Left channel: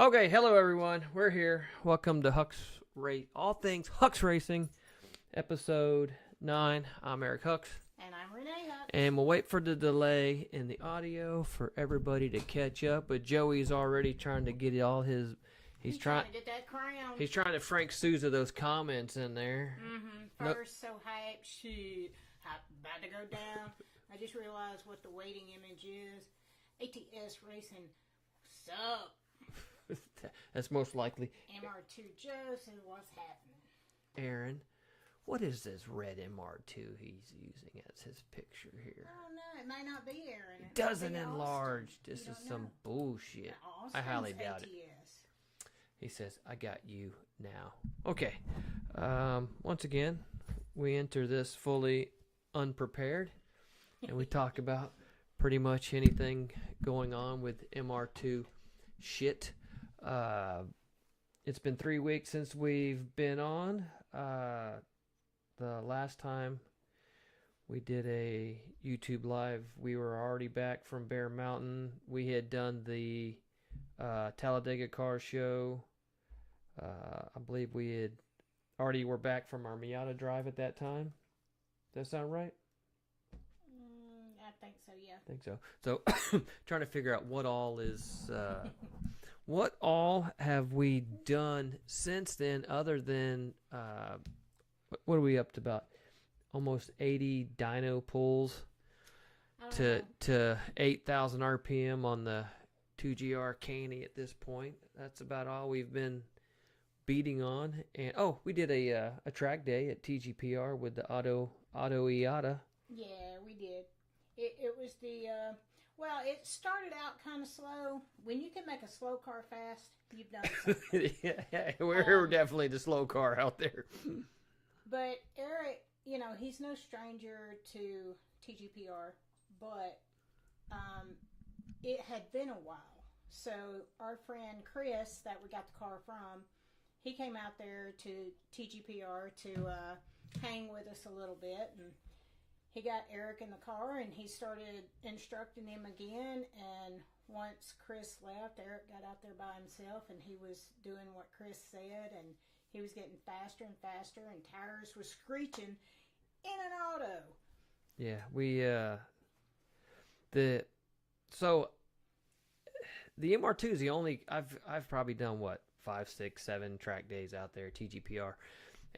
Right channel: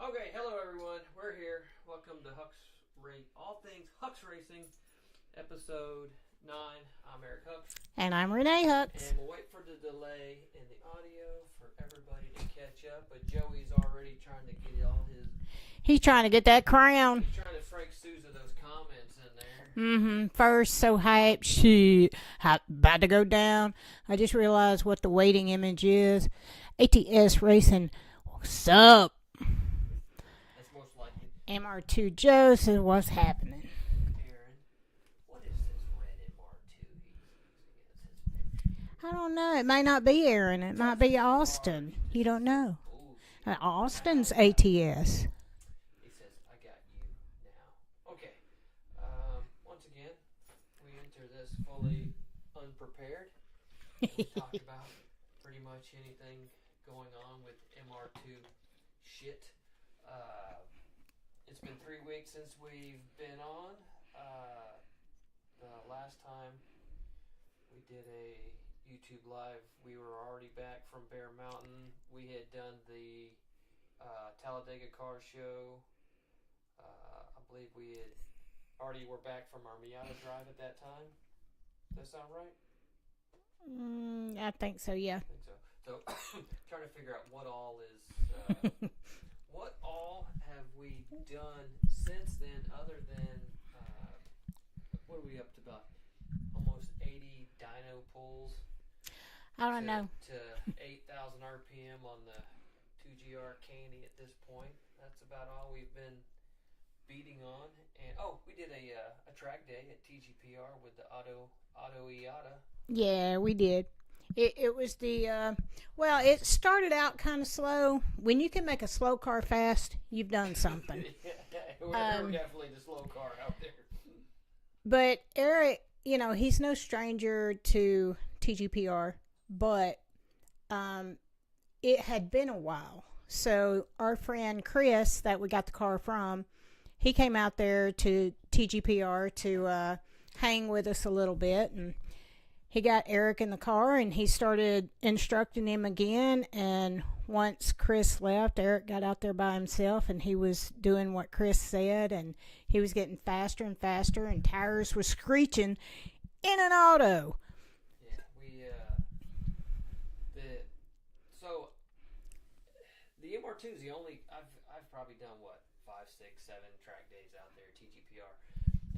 Okay, hello everyone. We're here. Welcome to Hux Race, all things Hux Racing, episode 9. I'm Eric Hux, And I'm Renee Hooks. and we'll wait for the delay in the audio for everybody to catch up. But Joey's already trying to get all his. He's trying to get that crown. He's trying to Frank Sousa those comments in there. First, so hype. Shit. About to go down. I just realized what the waiting image is. ATS Racing. What's up? That's most likely MR2 Joe says, what's happening? Aaron. What is this red MR2 he's using as his picture here? I don't know. It might not be Aaron. It might be Austin. You don't know. Bullshit. Austin's I highly doubt ATS. He says, I got you now. Okay. Once again, we enter this fully unprepared, and we talk about pretty much anything going on with MR2 shit. It's been 3 weeks since we've been on. The last time we did a YouTube live, we were already back from Bear Mountain. We had done the Talladega car show. I believe we had already were back from our Miata drive at that time. Does that sound right? I think so, yeah. I think so. So trying to figure out what all is what all have we done since then, other than what are we up to, about almost 80 dyno pulls I don't know. to 8,000 RPM on the 2GR Caney at this point. That's about all we've been beating on. And we did a track day at TGPR with the Auto IATA. Yeah, we did. It was the, it started out kind of slow. When you can make a slow car fast, you've done something. Yeah, we're definitely the slow car out there. But Eric, he's no stranger to TGPR, but it had been a while. So our friend Chris, that we got the car from, he came out there to TGPR to hang with us a little bit, and he got Eric in the car, and he started instructing him again. And once Chris left, Eric got out there by himself, and he was doing what Chris said, and he was getting faster and faster, and tires were screeching in an auto. Yeah, we the MR2 is the only I've probably done 5, 6, 7 track days out there at TGPR.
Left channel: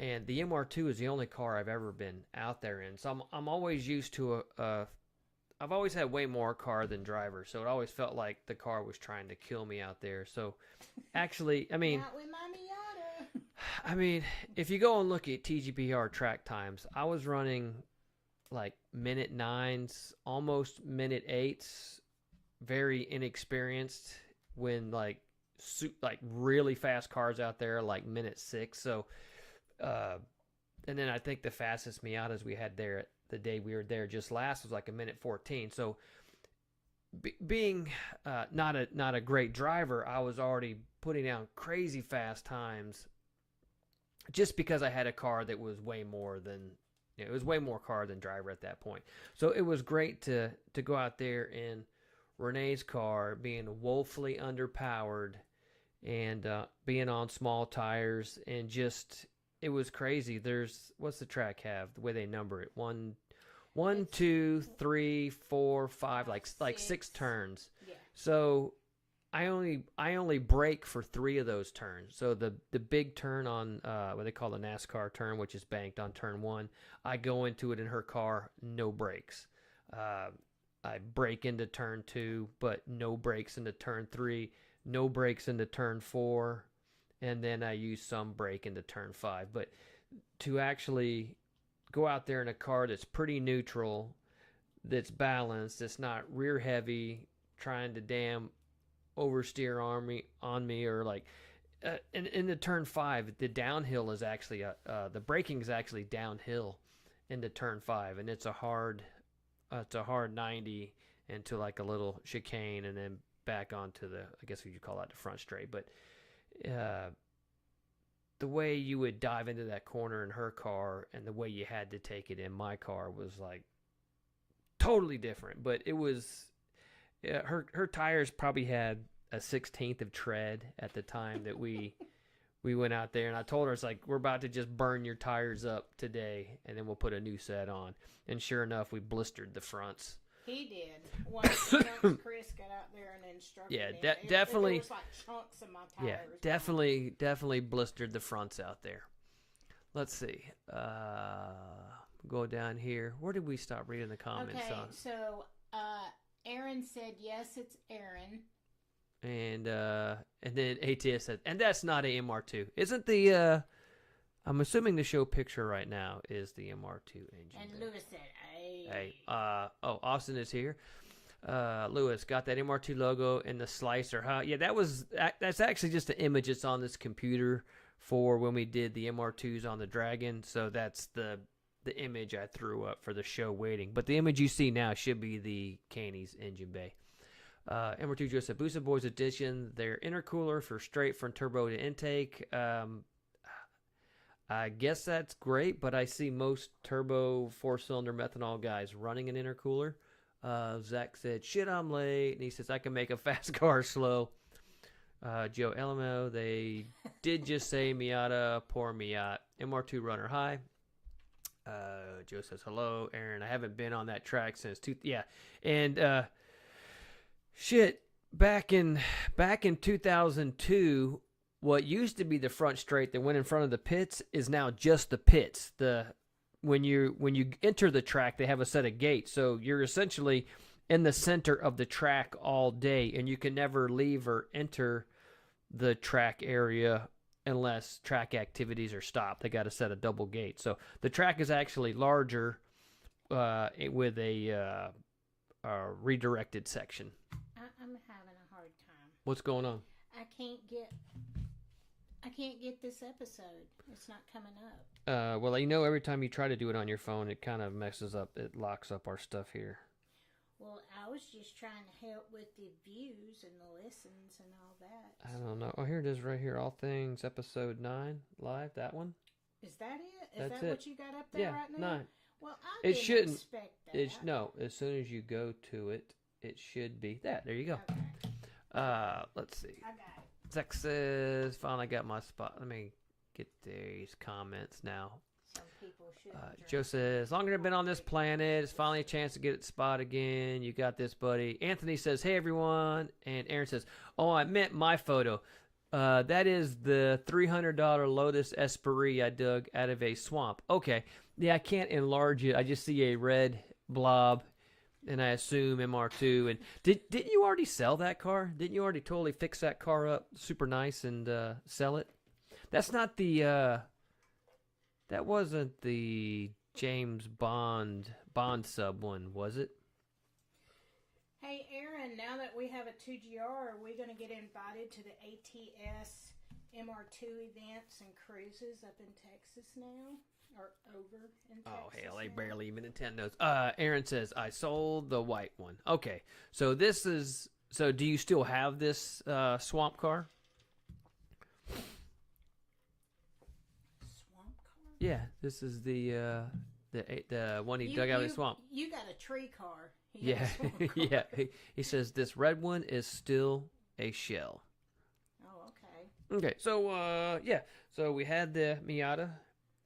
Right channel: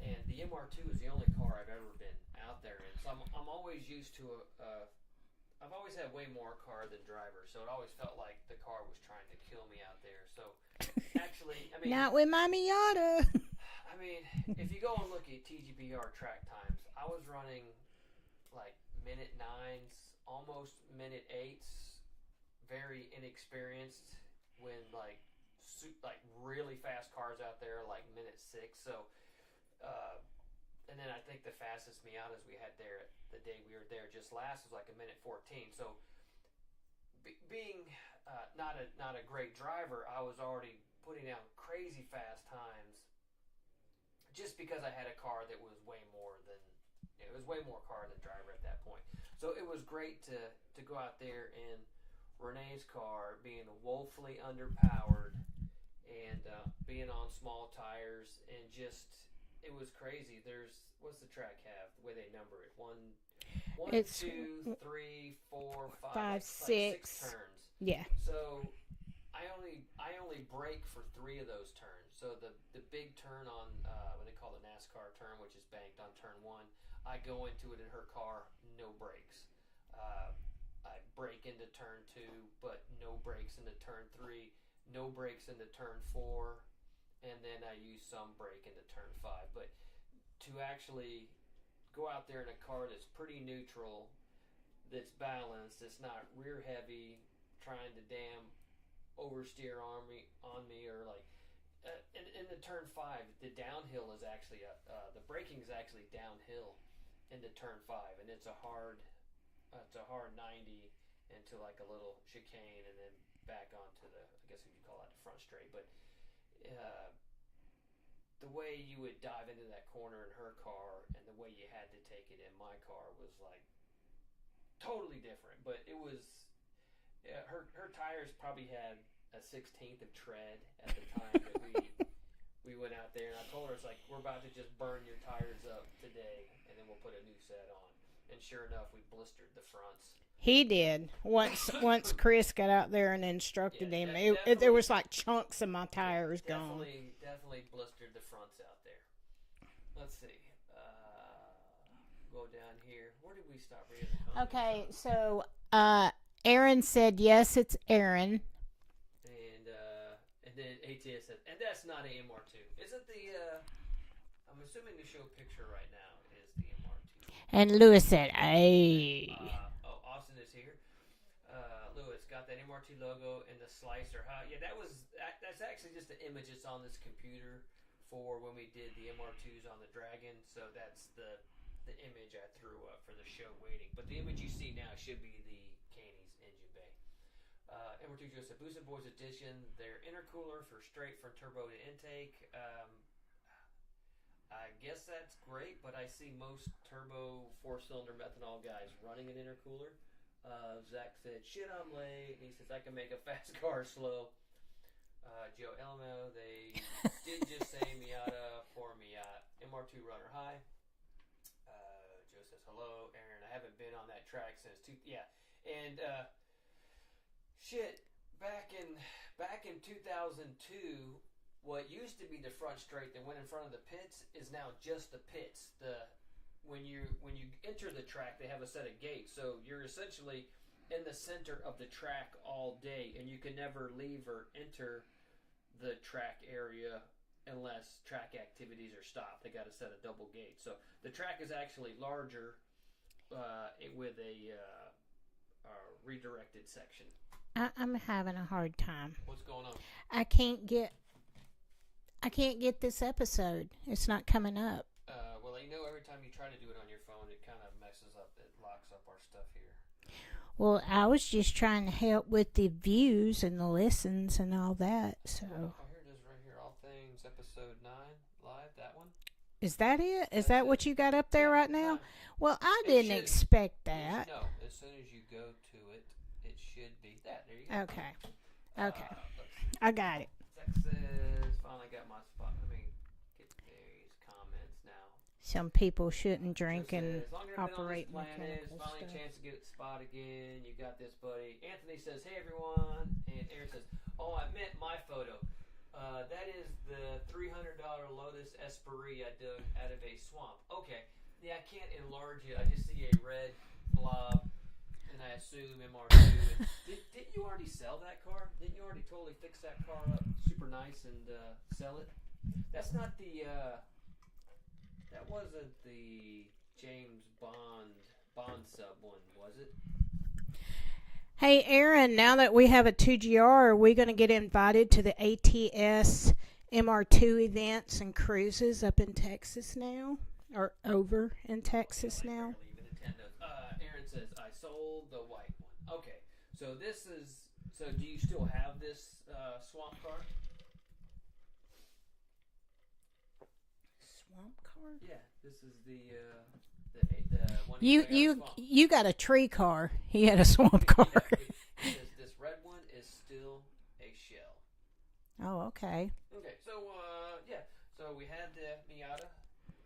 And the MR2 is the only car I've ever been out there in. So I'm always used to I've always had way more car than driver. So it always felt like the car was trying to kill me out there. So actually, I mean, not with my Miata. I mean, if you go and look at TGPR track times, I was running like minute 9s, almost minute 8s, very inexperienced when like really fast cars out there, like minute 6. So and then I think the fastest Miatas we had there the day we were there just last was like a minute 14. So being not a great driver, I was already putting down crazy fast times just because I had a car that was way more than it was way more car than driver at that point. So it was great to go out there in Renee's car, being woefully underpowered and being on small tires, and just it was crazy. What's the track have? The way they number it. 1, 2, 3, 4, 5, like 6 turns. Yeah. So I only brake for 3 of those turns. So the big turn on what they call the NASCAR turn, which is banked on turn 1, I go into it in her car, no brakes. I brake into turn 2, but no brakes into turn 3, no brakes into turn 4. And then I use some brake into turn 5. But to actually go out there in a car that's pretty neutral, that's balanced, that's not rear heavy, trying to damn oversteer on me or like in the turn 5, the downhill is actually the braking is actually downhill into turn 5, and it's a hard 90 into like a little chicane, and then back onto I guess you call that the front straight. But the way you would dive into that corner in her car and the way you had to take it in my car was like totally different. But it was her tires probably had a 16th of tread at the time that we went out there, and I told her, it's like, we're about to just burn your tires up today, and then we'll put a new set on. And sure enough, we blistered the fronts. He did. Once Chris got out there and instructed him, there was like chunks of my tires. Yeah, definitely blistered the fronts out there. Let's see. Go down here. Where did we stop reading the comments? Okay, so Aaron said, yes, it's Aaron. And then ATS said, and that's not a MR2. Isn't the I'm assuming the show picture right now is the MR2. And Lewis said, hey. Austin is here. Lewis got that MR2 logo in the slicer. Huh? Yeah, that's actually just an image that's on this computer for when we did the MR2s on the Dragon. So that's the image I threw up for the show waiting. But the image you see now should be the Caney's engine bay. MR2 Joseph Boosted Boys Edition, their intercooler for straight from turbo to intake. I guess that's great, but I see most turbo 4-cylinder methanol guys running an intercooler. Zach said, shit, I'm late. And he says, I can make a fast car slow. Joe Elmo, they did just say Miata, poor Miata. MR2 runner high. Joe says, hello, Aaron. I haven't been on that track since And shit, back in 2002, what used to be the front straight that went in front of the pits is now just the pits. When you enter the track, they have a set of gates, so you're essentially in the center of the track all day, and you can never leave or enter the track area unless track activities are stopped. They got a set of double gates, so the track is actually larger with a redirected section. I'm having a hard time. What's going on? I can't get this episode. It's not coming up. Well, you know, every time you try to do it on your phone, it kind of messes up. It locks up our stuff here. Well, I was just trying to help with the views and the listens and all that. I don't know. Oh, here it is right here. All Things Episode 9 live. That one? Is that it? Is that what you got up there right now? 9. Well, I didn't expect that. No, as soon as you go to it, it should be that. There you go. Okay. Let's see. I got it. Zach says, finally got my spot. Let me get these comments now. Some people shouldn't drink. Joe says, longer than been on this planet, it's finally a chance to get its spot again. You got this, buddy. Anthony says, hey, everyone. And Aaron says, oh, I meant my photo. That is the $300 Lotus Esprit I dug out of a swamp. Okay. Yeah, I can't enlarge it. I just see a red blob, and I assume MR2. And didn't you already sell that car? Didn't you already totally fix that car up super nice and sell it? That's not the that wasn't the James Bond sub one, was it? Hey, Aaron, now that we have a 2GR, are we going to get invited to the ATS MR2 events and cruises up in Texas now? Or over in Texas now? Barely even Nintendo's. Aaron says, I sold the white one. Okay, so do you still have this swamp car? Swamp car? Yeah, this is the one he dug out of the swamp. You got a tree car. He had a swamp car. Yeah, he says this red one is still a shell. Oh, okay. Okay, so so we had the Miata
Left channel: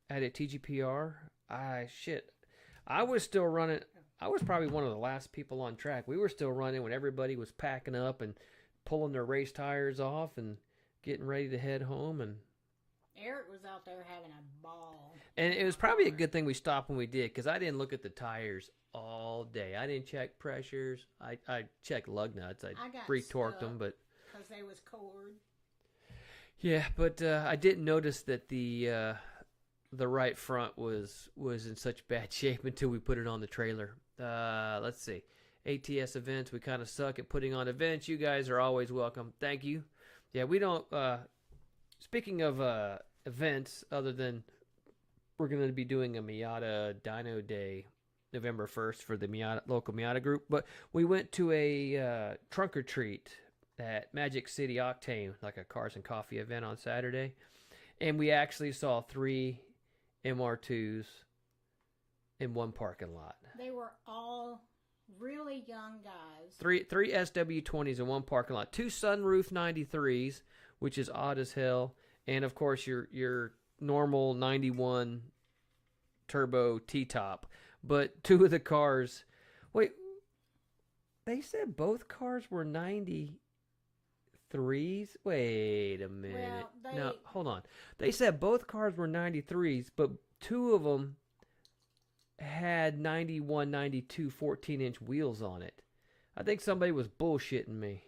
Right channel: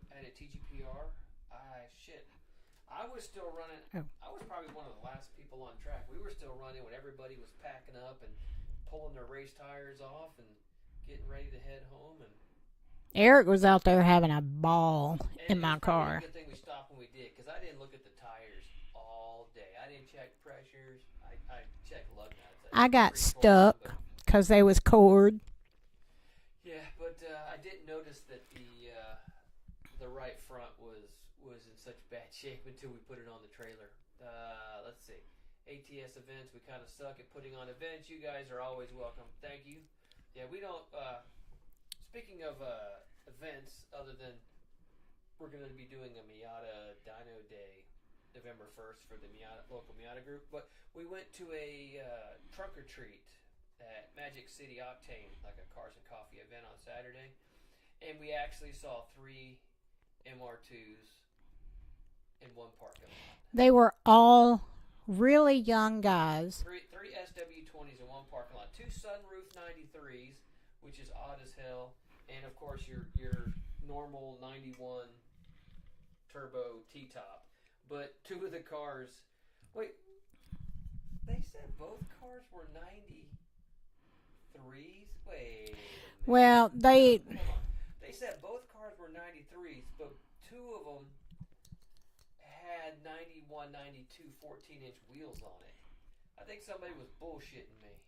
at a TGPR. I was still running. I was probably one of the last people on track. We were still running when everybody was packing up and pulling their race tires off and getting ready to head home. And Eric was out there having a ball. And in it was my probably car. a good thing we stopped when we did, because I didn't look at the tires all day. I didn't check pressures. I checked lug nuts. I got retorqued stuck them, because they was cord. Yeah, but I didn't notice that the right front was in such bad shape until we put it on the trailer. Let's see. ATS events, we kind of suck at putting on events. You guys are always welcome. Thank you. Yeah, we don't... speaking of events, other than we're going to be doing a Miata Dyno Day November 1st for the local Miata group, but we went to a trunk or treat at Magic City Octane, like a Cars and Coffee event on Saturday, and we actually saw 3 MR2s in one parking lot. They were all really young guys. Three SW20s in one parking lot. 2 sunroof 93s, which is odd as hell, and of course your normal 91 turbo T-top. But 2 of the cars. Wait, they said both cars were 93s. Wait a minute. Well, No, hold on. They said both cars were 93s, but 2 of them had 91, 92 14-inch wheels on it. I think somebody was bullshitting me.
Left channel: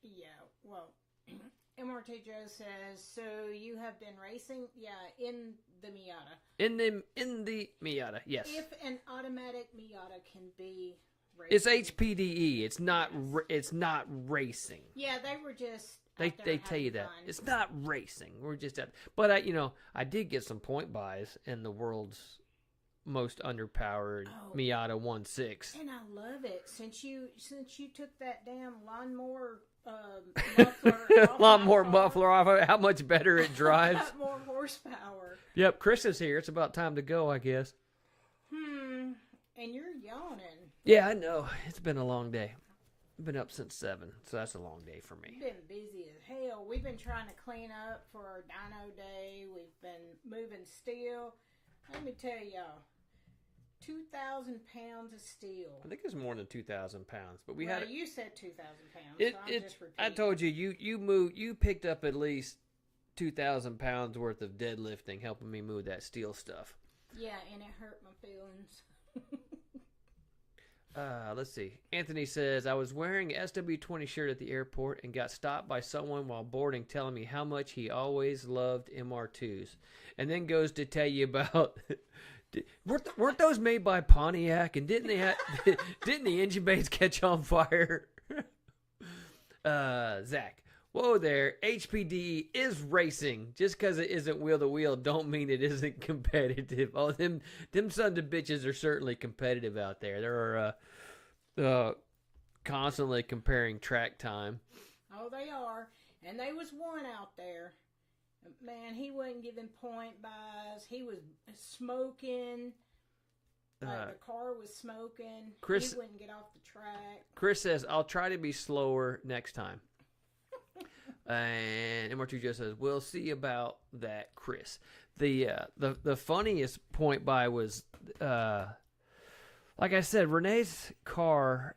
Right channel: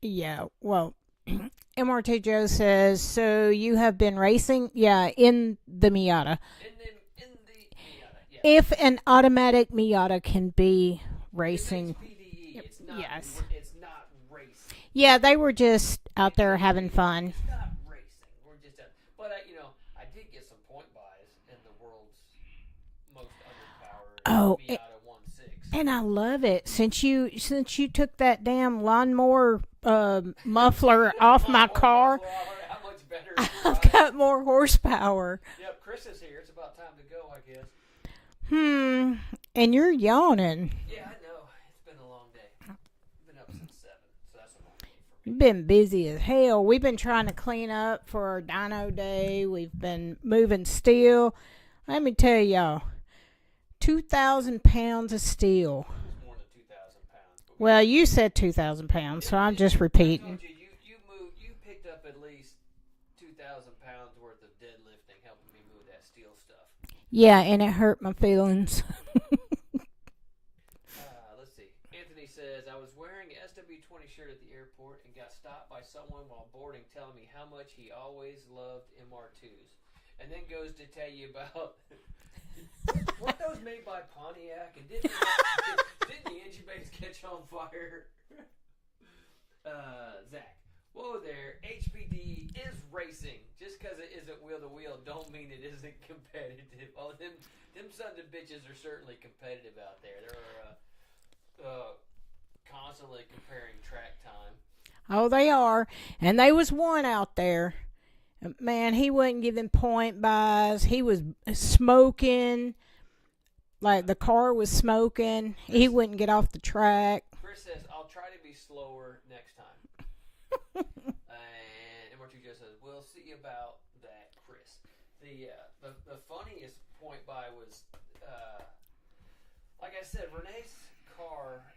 Yeah, well, MRT Joe says, so you have been racing? Yeah, in the Miata. In the Miata, yes. If an automatic Miata can be racing. It's HPDE. It's not. Yes. It's not racing. Yeah, they were just out there They having tell you that. fun. It's not racing. We're just. But I did get some point buys in the world's most underpowered Miata 1.6. And I love it. Since you took that damn lawnmower muffler off my car. Muffler off. How much better it I've drives. got more horsepower. Yep, Chris is here. It's about time to go, I guess. And you're yawning. Yeah, I know. It's been a long day. I've been up since 7, so that's a long day for me. You've been busy as hell. We've been trying to clean up for our dyno day. We've been moving steel. Let me tell y'all, 2,000 pounds of steel. I think it was more than 2,000 pounds. But Well, you said 2,000 pounds, so I'm just repeating. I told you, you picked up at least 2,000 pounds worth of deadlifting, helping me move that steel stuff. Yeah, and it hurt my feelings. Let's see. Anthony says, I was wearing an SW20 shirt at the airport and got stopped by someone while boarding telling me how much he always loved MR2s. And then goes to tell you about... weren't those made by Pontiac? And didn't the engine bays catch on fire? Zach. Whoa there, HPD is racing. Just because it isn't wheel-to-wheel don't mean it isn't competitive. Oh, them sons of bitches are certainly competitive out there. They're constantly comparing track time. Oh, they are. And there was one out there. Man, he wasn't giving point buys. He was smoking. Like the car was smoking. Chris, he wouldn't get off the track. Chris says, I'll try to be slower next time. And MR2 Joe says, we'll see about that, Chris. The funniest point by was, like I said, Renee's car,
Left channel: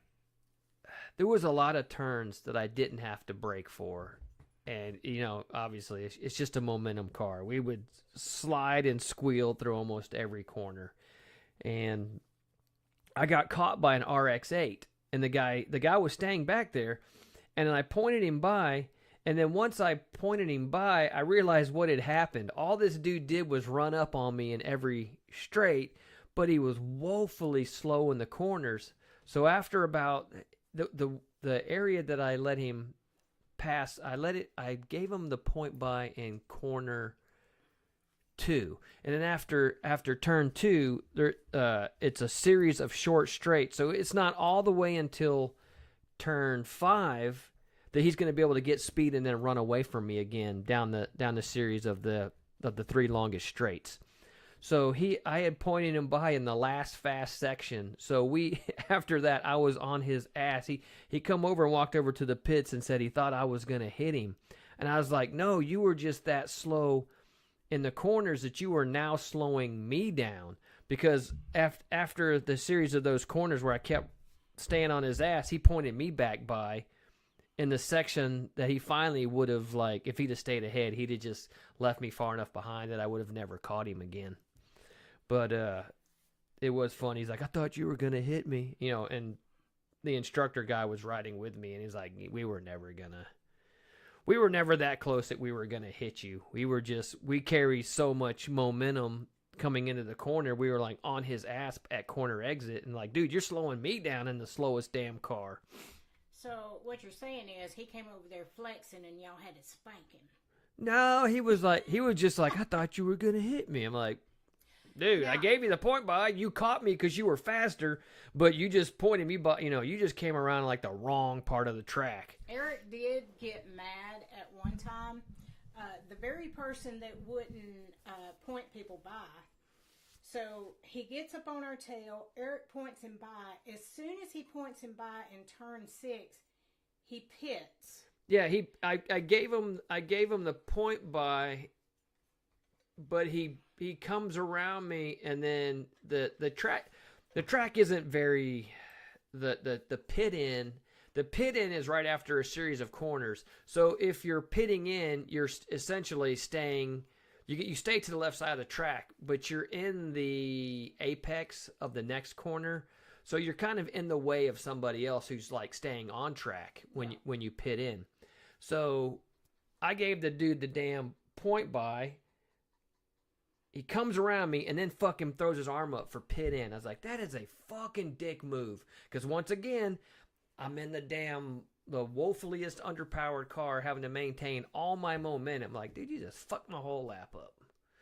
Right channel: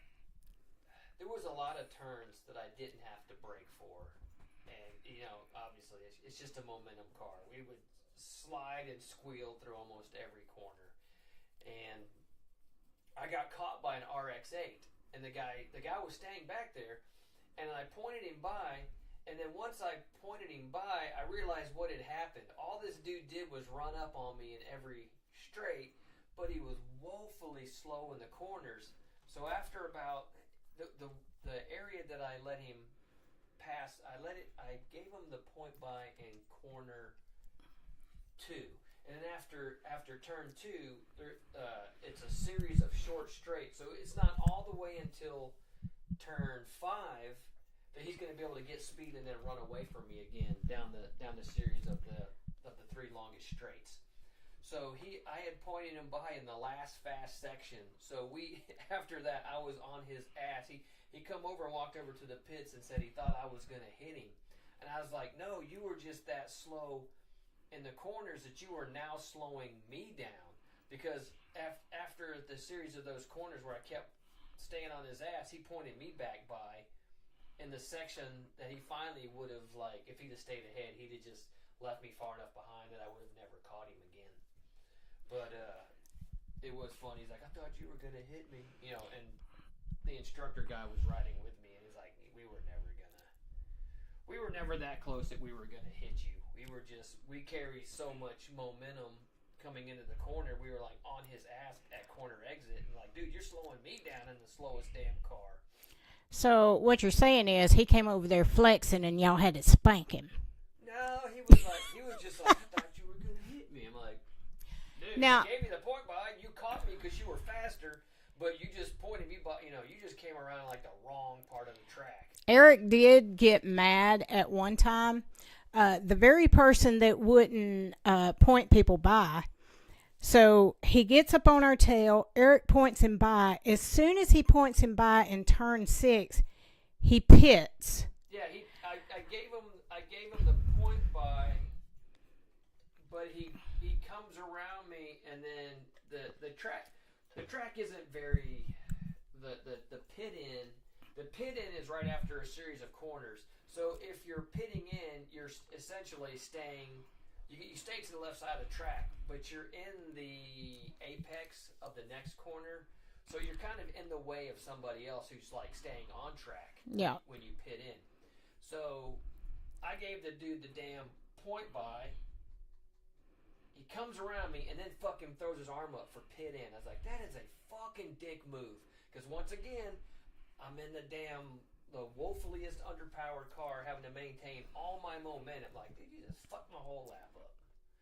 there was a lot of turns that I didn't have to brake for. And, obviously, it's just a momentum car. We would slide and squeal through almost every corner. And I got caught by an RX-8. And the guy was staying back there. And then I pointed him by. And then once I pointed him by, I realized what had happened. All this dude did was run up on me in every straight. But he was woefully slow in the corners. So after about the area that I let him pass, I gave him the point by in corner 2, and then after turn 2, it's a series of short straights, so it's not all the way until turn 5 that he's going to be able to get speed and then run away from me again down the series of the 3 longest straights. So I had pointed him by in the last fast section. So after that, I was on his ass. He come over and walked over to the pits and said he thought I was going to hit him. And I was like, no, you were just that slow in the corners that you were now slowing me down. Because after the series of those corners where I kept staying on his ass, he pointed me back by in the section that he finally would have, like, if he'd have stayed ahead, he'd have just left me far enough behind that I would have never caught him again. But it was funny. He's like, I thought you were going to hit me. And the instructor guy was riding with me, and he's like, we were never that close that we were going to hit you. We carry so much momentum coming into the corner. We were like on his ass at corner exit, and like, dude, you're slowing me down in the slowest damn car. So what you're saying is he came over there flexing, and y'all had to spank him. No, he was just like, I thought you were going to hit me. I'm like, dude, I gave you the point by. You caught me because you were faster, but you just pointed me by. You just came around like the wrong part of the track. Eric did get mad at one time. The very person that wouldn't point people by So he gets up on our tail. Eric points him by. As soon as he points him by in turn 6, he pits. Yeah, I gave him the point by, but he comes around me, and then the track isn't very the pit in. The pit in is right after a series of corners. So if you're pitting in, you're essentially staying. You stay to the left side of the track, but you're in the apex of the next corner. So you're kind of in the way of somebody else who's like staying on track when you pit in. So I gave the dude the damn point by. He comes around me and then fucking throws his arm up for pit in. I was like, that is a fucking dick move. Because once again, I'm in the woefulliest underpowered car having to maintain all my momentum. Like, dude, you just fucked my whole lap up.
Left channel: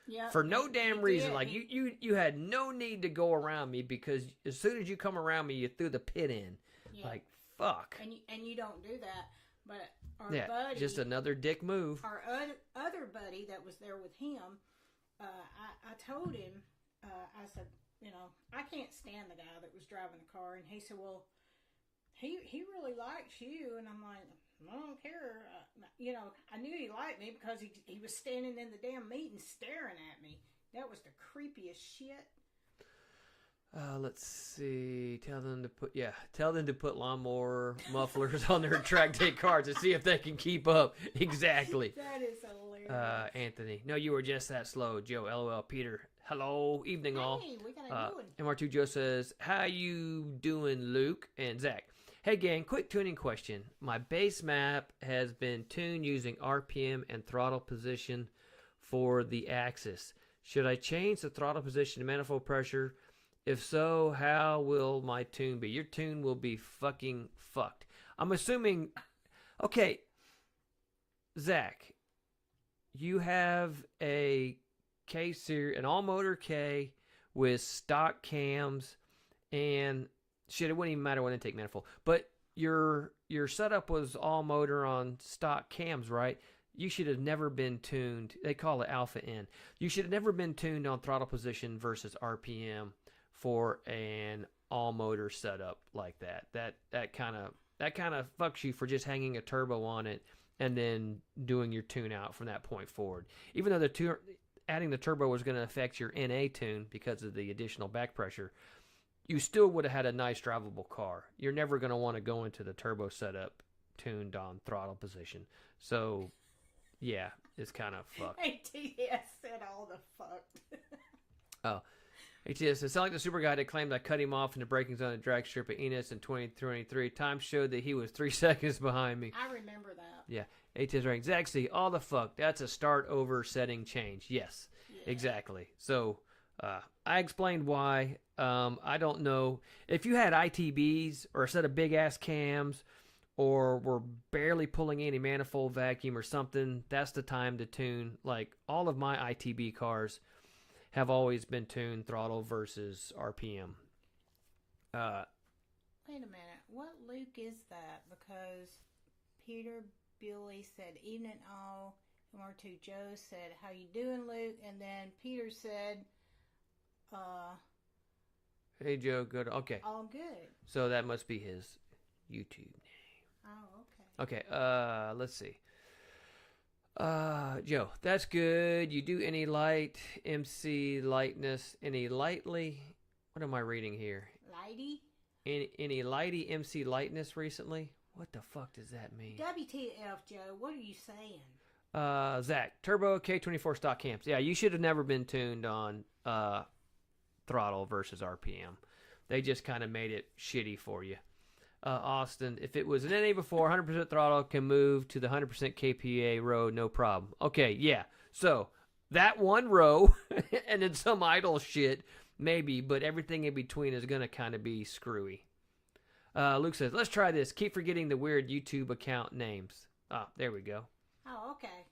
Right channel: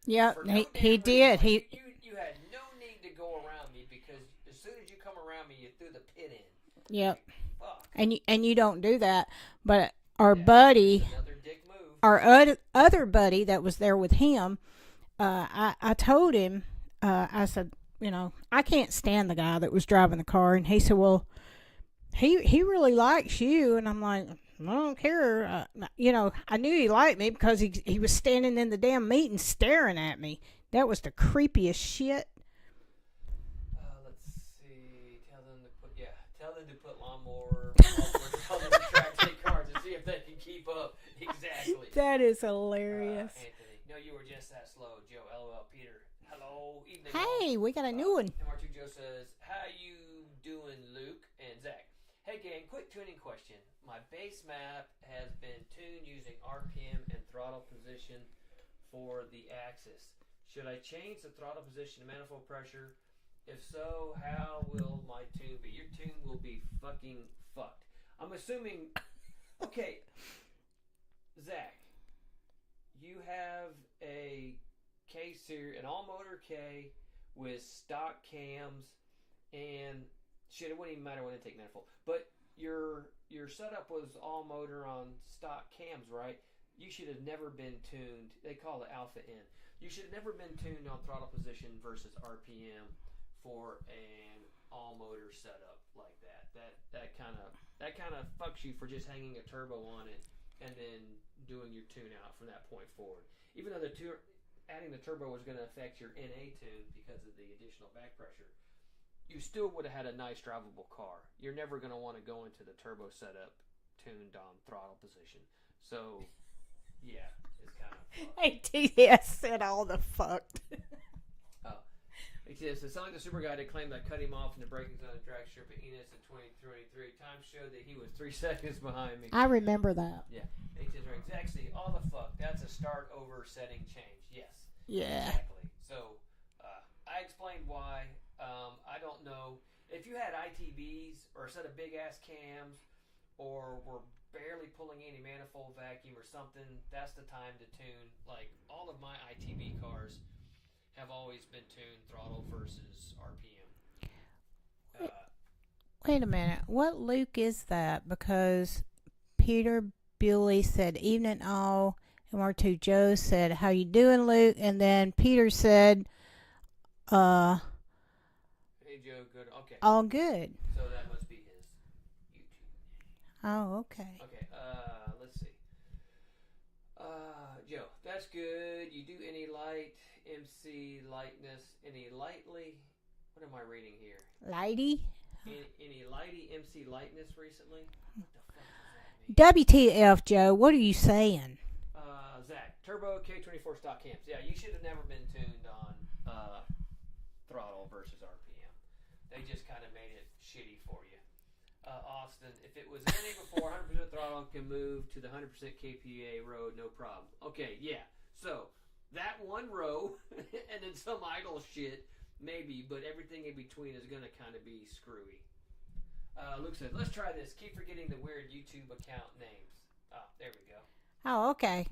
Yeah, for no damn reason. Did. Like, you had no need to go around me because as soon as you come around me, you threw the pit in. Yeah. Like, fuck. And you don't do that. But our buddy, just another dick move. Our other buddy that was there with him, I told him, I said, I can't stand the guy that was driving the car, and he said, well, he really likes you, and I'm like, I don't care. I knew he liked me because he was standing in the damn meeting staring at me. That was the creepiest shit. Let's see. Tell them to put lawnmower mufflers on their track day cars to see if they can keep up. Exactly. That is hilarious. Anthony, no, you were just that slow. Joe, LOL. Peter, hello, evening all. Hey, we got a new one. MR2 Joe says, how you doing, Luke and Zach? Hey gang, quick tuning question. My base map has been tuned using RPM and throttle position for the axis. Should I change the throttle position to manifold pressure? If so, how will my tune be? Your tune will be fucking fucked. I'm assuming... Okay, Zach, you have a K series, an all-motor K with stock cams and... Shit, it wouldn't even matter what intake manifold. But your setup was all motor on stock cams, right? You should have never been tuned. They call it alpha N. You should have never been tuned on throttle position versus RPM for an all motor setup like that. That kind of fucks you for just hanging a turbo on it and then doing your tune out from that point forward. Even though adding the turbo was going to affect your NA tune because of the additional back pressure, you still would have had a nice drivable car. You're never going to want to go into the turbo setup tuned on throttle position. So, yeah, it's kind of fucked. ATS said all the fucked. Oh. ATS says, sound like the super guy that claimed I cut him off in the braking zone at drag strip at Enos in 2023. Time showed that he was 3 seconds behind me. I remember that. Yeah. ATS right. Exactly. All the fuck. That's a start over setting change. Yes. Yeah. Exactly. So, I explained why. I don't know. If you had ITBs or a set of big-ass cams or were barely pulling any manifold vacuum or something, that's the time to tune. Like, all of my ITB cars have always been tuned throttle versus RPM. Wait a minute. What Luke is that? Because Peter Bewley said, evening all. And R2 Joe said, how you doing, Luke? And then Peter said... Hey Joe, good. Okay. All good. So that must be his YouTube name. Oh, okay. Okay. Let's see. Joe, that's good. You do any light MC lightness? Any lightly? What am I reading here? Lighty. Any lighty MC lightness recently? What the fuck does that mean? WTF, Joe? What are you saying? Zach, turbo K24 stock cams. Yeah, you should have never been tuned on throttle versus RPM. They just kind of made it shitty for you. Austin, if it was an NA before, 100% throttle can move to the 100% KPA road, no problem. Okay, yeah. So that one row and then some idle shit, maybe, but everything in between is going to kind of be screwy. Luke says, let's try this. Keep forgetting the weird YouTube account names. Ah, there we go. Oh, okay.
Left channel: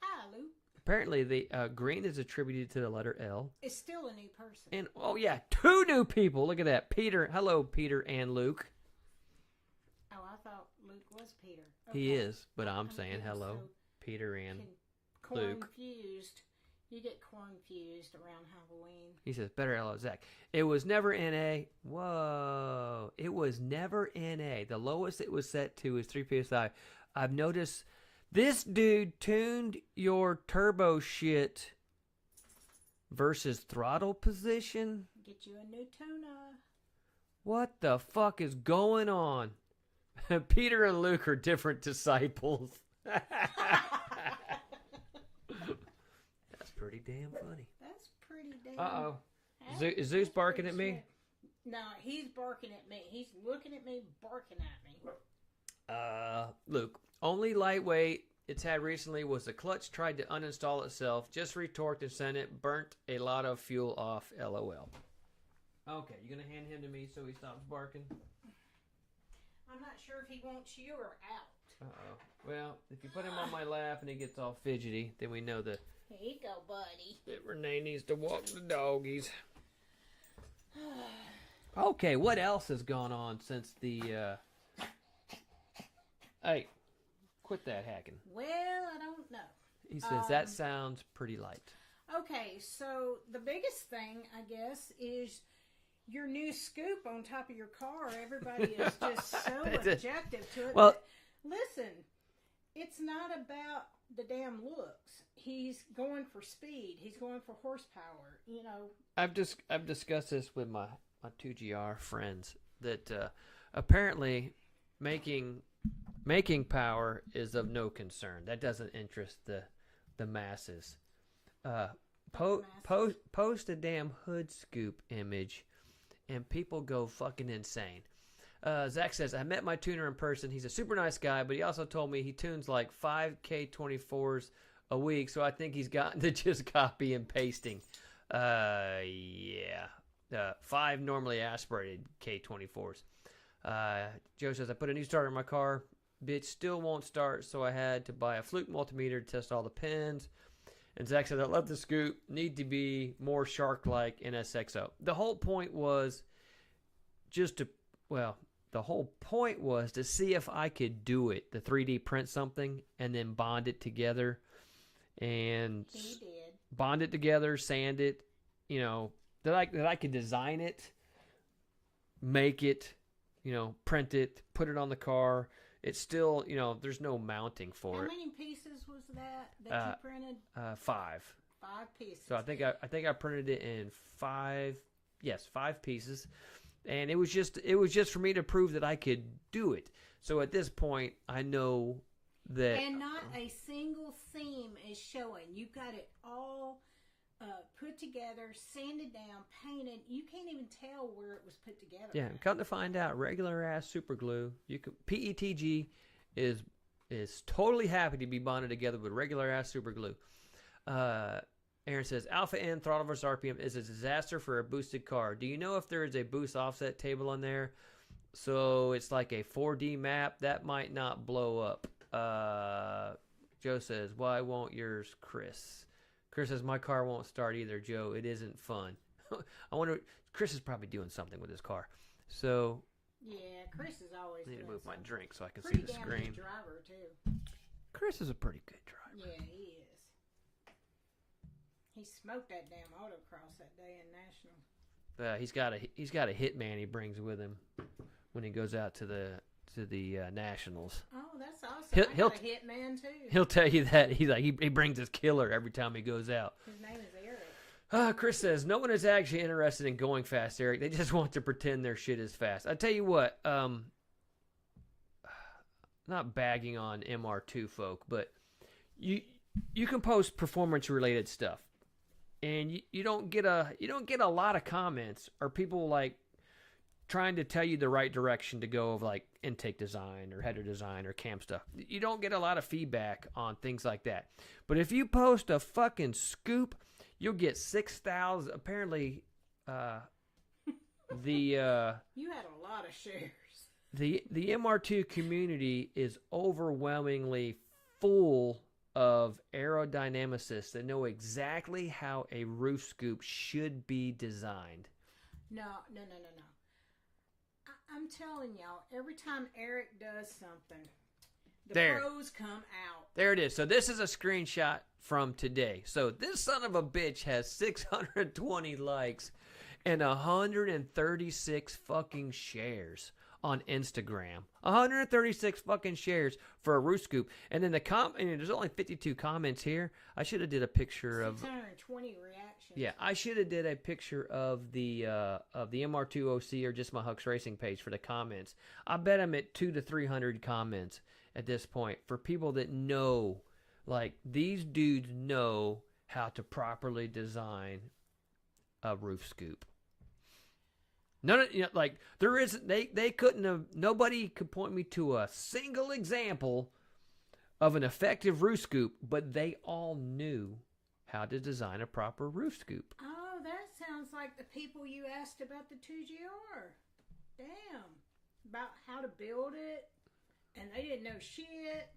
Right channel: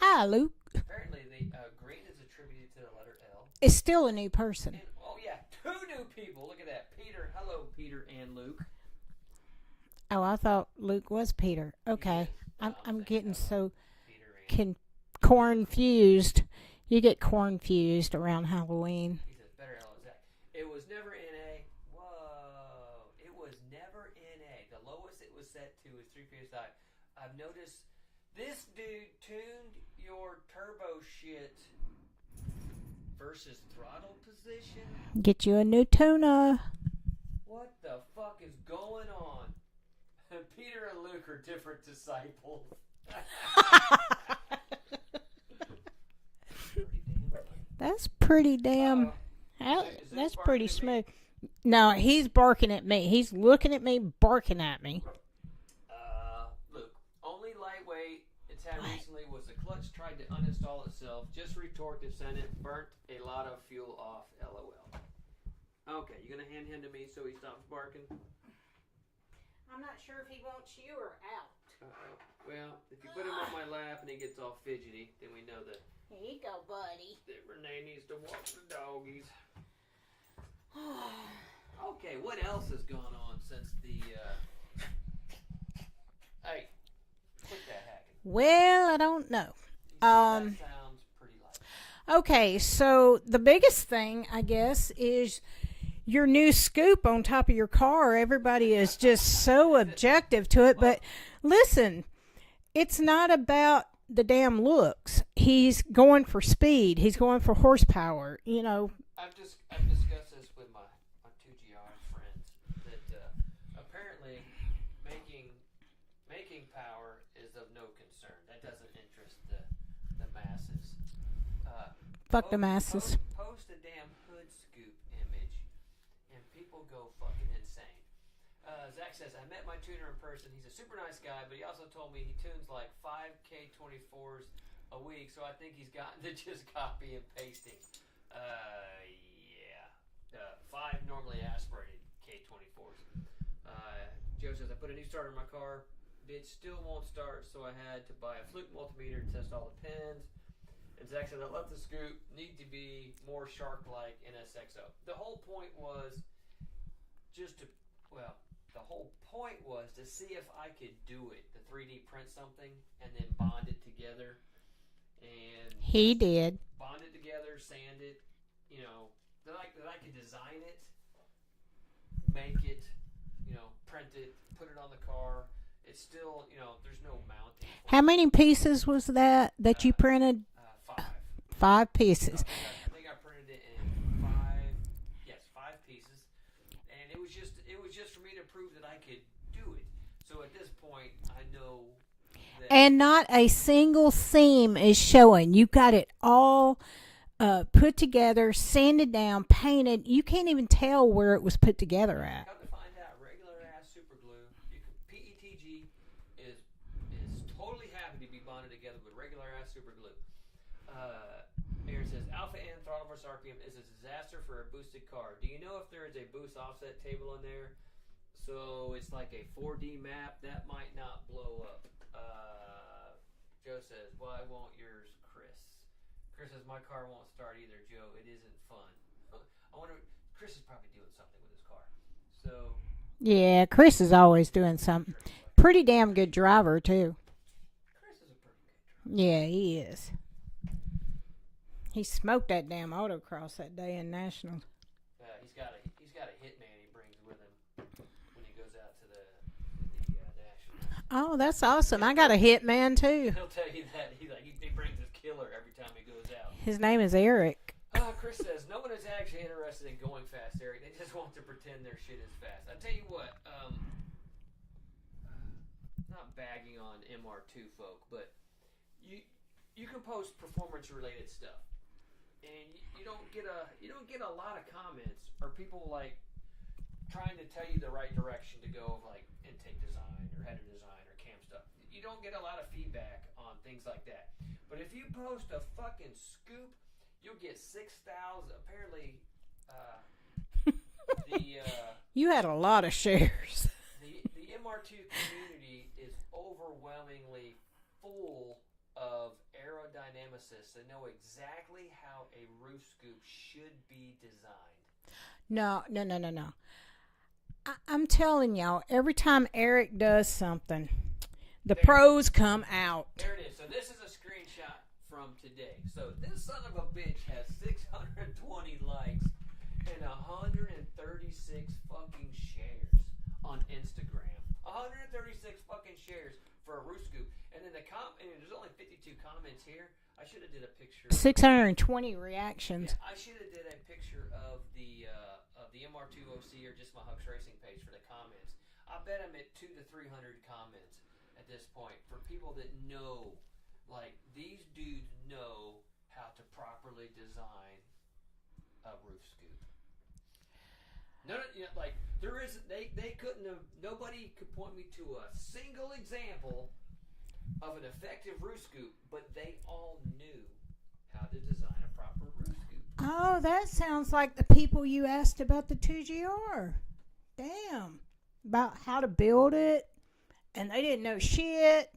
Hi, Luke. Apparently, the green is attributed to the letter L. It's still a new person. And oh yeah, 2 new people. Look at that, Peter. Hello, Peter and Luke. Oh, I thought Luke was Peter. Okay, He is, but I'm saying getting hello, so Peter and confused. You get confused around Halloween. He says, better LO Zach. It was never NA. Whoa. It was never NA. The lowest it was set to is 3 PSI. I've noticed this dude tuned your turbo shit versus throttle position. Get you a new tuner. What the fuck is going on? Peter and Luke are different disciples. Pretty damn funny. That's pretty damn. Is Zeus That's barking pretty at me? smooth. No, he's barking at me. He's looking at me, barking at me. Luke, only lightweight it's had recently was the clutch tried to uninstall itself, just retorqued and sent it, burnt a lot of fuel off, LOL. Okay, you gonna hand him to me so he stops barking? I'm not sure if he wants you or out. Uh-oh. Well, if you put him on my lap and he gets all fidgety, then we know that Here you go, buddy. Renee needs to walk the doggies. Okay, what else has gone on since the, Hey, quit that hacking. Well, I don't know. He says that sounds pretty light. Okay, so the biggest thing, I guess, is your new scoop on top of your car. Everybody is just so objective to it. Well, but listen, it's not about the damn looks. He's going for speed. He's going for horsepower. You know, I've discussed this with my 2GR friends that apparently making power is of no concern. That doesn't interest the masses. fuck the masses. Post a damn hood scoop image, and people go fucking insane. Zach says, I met my tuner in person. He's a super nice guy, but he also told me he tunes like 5 K24s a week, so I think he's gotten to just copy and pasting. Yeah. 5 normally aspirated K24s. Joe says, I put a new starter in my car. Bitch still won't start, so I had to buy a Fluke multimeter to test all the pins. And Zach said, I love the scoop. Need to be more shark-like in SXO. The whole point was to see if I could do it, the 3D print something, and then bond it together. And He did. bond it together, sand it, you know, that I could design it, make it, you know, print it, put it on the car. It's still, you know, there's no mounting for it. How many pieces was that you printed? 5. 5 pieces. So I think I printed it in 5 pieces. And it was just for me to prove that I could do it. So at this point, I know that And not a single seam is showing. You got it all put together, sanded down, painted. You can't even tell where it was put together at. come to find out, regular ass super glue. PETG is totally happy to be bonded together with regular ass super glue. Aaron says, Alpha N throttle versus RPM is a disaster for a boosted car. Do you know if there is a boost offset table on there? So it's like a 4D map. That might not blow up. Joe says, why won't yours, Chris? Chris says, my car won't start either, Joe. It isn't fun. I wonder, Chris is probably doing something with his car. So Yeah, Chris is always doing something. Pretty damn good driver, too. Chris is a pretty good driver. Yeah, he is. He smoked that damn autocross that day in Nationals. He's got a hitman he brings with him when he goes out to the Nationals. Oh, that's awesome. He'll- I got a hitman, too. He'll tell you that he brings his killer every time he goes out. His name is Eric. Chris says no one is actually interested in going fast, Eric. They just want to pretend their shit is fast. I tell you what, not bagging on MR2 folk, but you can post performance related stuff, and you don't get a lot of comments or people like trying to tell you the right direction to go of like intake design or header design or cam stuff. You don't get a lot of feedback on things like that. But if you post a fucking scoop, you'll get 6,000. Apparently, You had a lot of shares. the MR2 community is overwhelmingly full of aerodynamicists that know exactly how a roof scoop should be designed. No. I'm telling y'all, every time Eric does something, the There. pros come out. There it is. So this is a screenshot from today. So this son of a bitch has 620 likes and 136 fucking shares on Instagram. 136 fucking shares for a roof scoop. And then there's only 52 comments here. I should have did a picture. 620 reactions. Yeah, I should have did a picture of the MR2OC or just my Hucks Racing page for the comments. I bet I'm at 200 to 300 comments at this point for people that know, like, these dudes know how to properly design a roof scoop. None of, like, there isn't, they couldn't have, nobody could point me to a single example of an effective roof scoop, but they all knew how to design a proper roof scoop. Oh, that sounds like the people you asked about the 2GR. Damn. About how to build it, and they didn't know shit.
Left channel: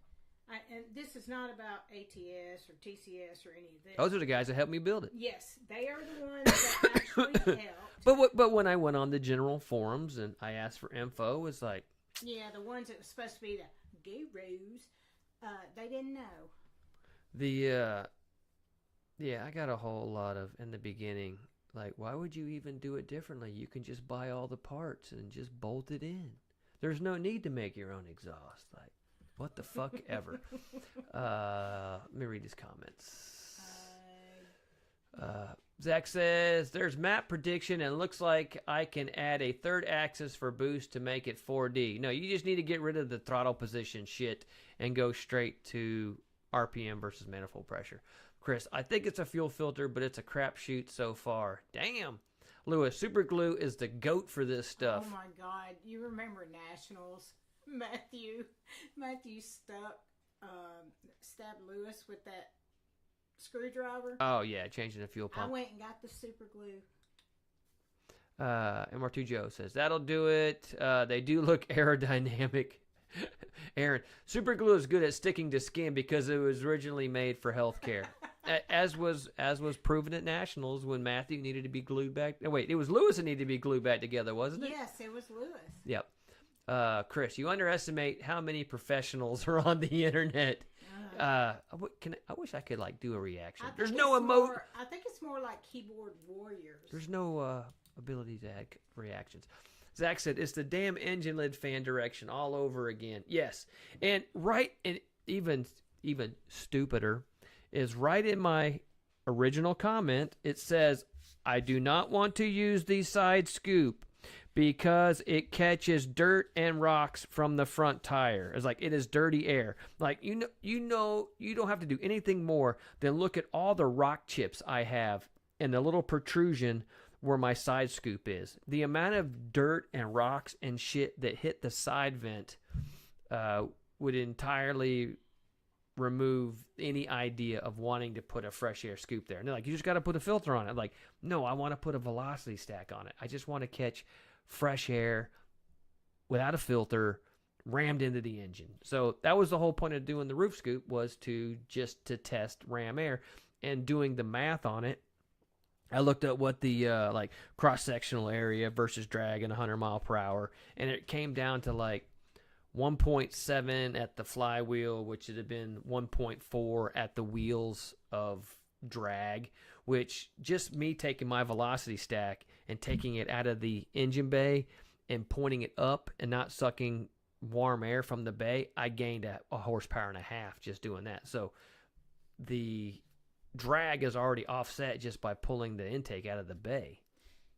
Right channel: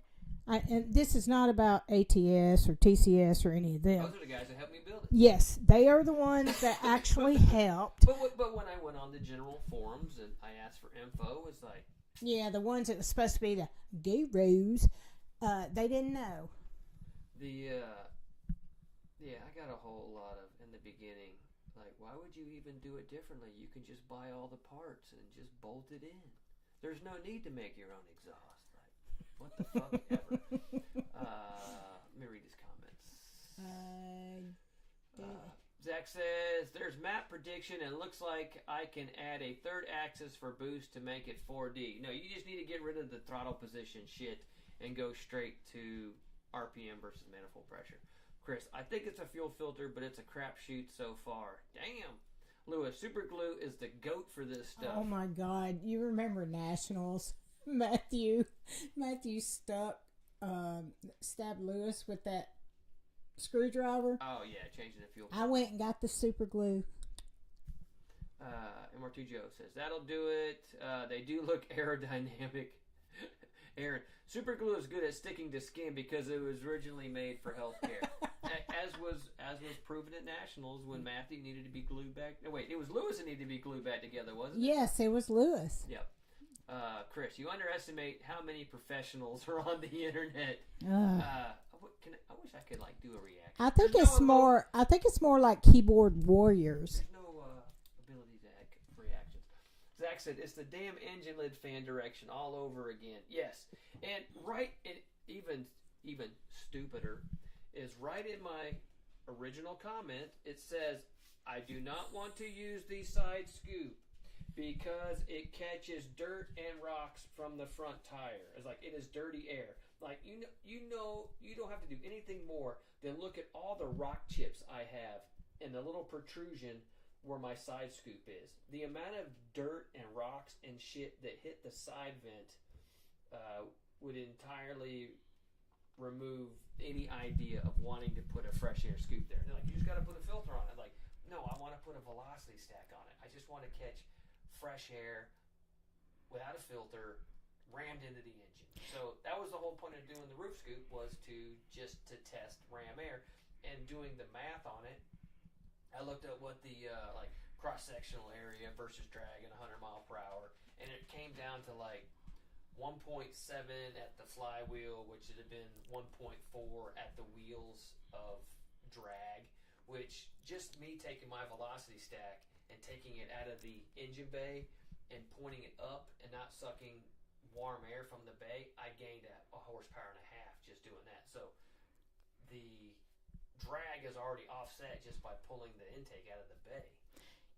And this is not about ATS or TCS or any of this. Those are the guys that helped me build it. Yes, they are the ones that actually helped. But when I went on the general forums and I asked for info, it's like... Yeah, the ones that were supposed to be the gurus, they didn't know. Yeah, I got a whole lot of, in the beginning, like, why would you even do it differently? You can just buy all the parts and just bolt it in. There's no need to make your own exhaust. Like, what the fuck ever. Let me read these comments. Zach says, there's map prediction and looks like I can add a third axis for boost to make it 4D. No, you just need to get rid of the throttle position shit and go straight to RPM versus manifold pressure. Chris, I think it's a fuel filter, but it's a crapshoot so far. Damn. Lewis, super glue is the goat for this stuff. Oh my God. You remember Nationals? Matthew stabbed Lewis with that screwdriver. Oh yeah, changing the fuel pump. I went and got the super glue. MR2 Joe says that'll do it. They do look aerodynamic. Aaron, super glue is good at sticking to skin because it was originally made for healthcare, as was proven at Nationals when Matthew needed to be glued back. No, wait, it was Lewis that needed to be glued back together, wasn't it? Yes, it was Lewis. Yep. Chris, you underestimate how many professionals are on the internet. I wish I could like do a reaction. I think it's more like keyboard warriors. There's no ability to add reactions. Zach said it's the damn engine lid fan direction all over again. Yes, and even stupider is right in my original comment. It says I do not want to use the side scoop because it catches dirt and rocks from the front tire. It's like it is dirty air. Like you know you don't have to do anything more than look at all the rock chips I have and the little protrusion where my side scoop is. The amount of dirt and rocks and shit that hit the side vent would entirely remove any idea of wanting to put a fresh air scoop there. And they're like, you just got to put a filter on it. I'm like, no, I want to put a velocity stack on it. I just want to catch fresh air without a filter rammed into the engine. So that was the whole point of doing the roof scoop, was to test ram air. And doing the math on it, I looked at what the like cross-sectional area versus drag and 100 mile per hour, and it came down to like 1.7 at the flywheel, which would have been 1.4 at the wheels of drag, which just me taking my velocity stack and taking it out of the engine bay and pointing it up and not sucking warm air from the bay, I gained a horsepower and a half just doing that. So the drag is already offset just by pulling the intake out of the bay.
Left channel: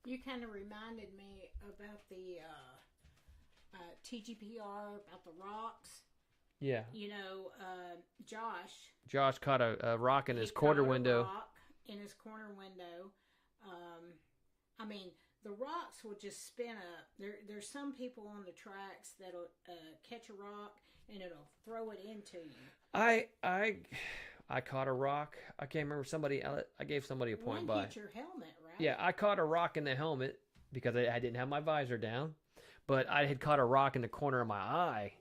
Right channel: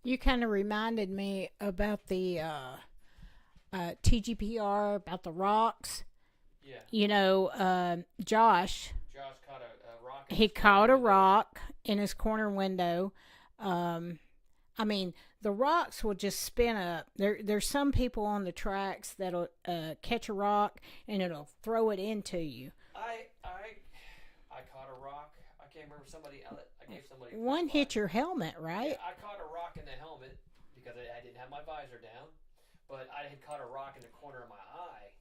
You kind of reminded me about the TGPR, about the rocks. Yeah. You know, Josh caught a rock in his corner window. He caught a rock in his corner window. I mean, the rocks will just spin up. There's some people on the tracks that'll catch a rock and it'll throw it into you. I caught a rock. I can't remember I gave somebody a point. One hit your helmet, right? Yeah, I caught a rock in the helmet because I didn't have my visor down. But I had caught a rock in the corner of my eye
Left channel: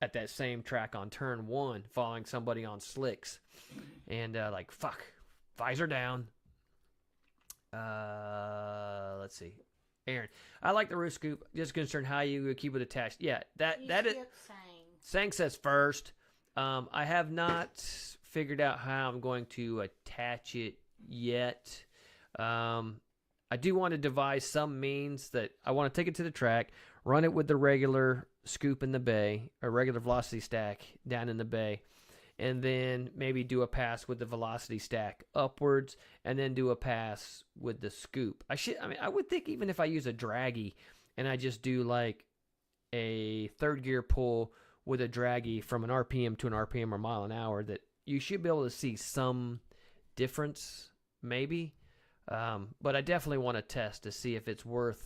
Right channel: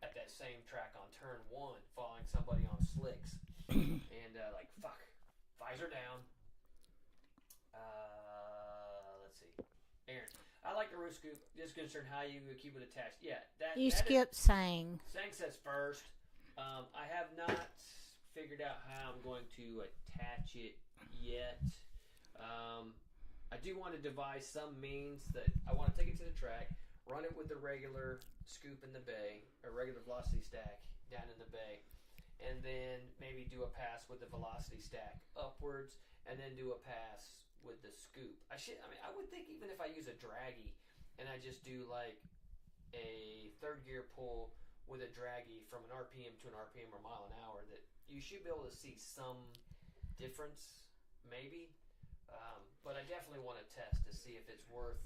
at that same track on turn 1, following somebody on slicks. And like, fuck, visor down. Let's see. Aaron, I like the roof scoop. Just concerned how you keep it attached. Yeah, you skipped Sang. Sang says first. I have not figured out how I'm going to attach it yet. I do want to devise some means that I want to take it to the track, run it with the regular scoop in the bay, or regular velocity stack down in the bay, and then maybe do a pass with the velocity stack upwards, and then do a pass with the scoop. I would think even if I use a draggy and I just do like a third gear pull with a draggy from an RPM to an RPM or mile an hour, that you should be able to see some difference, maybe. But I definitely want to test to see if it's worth,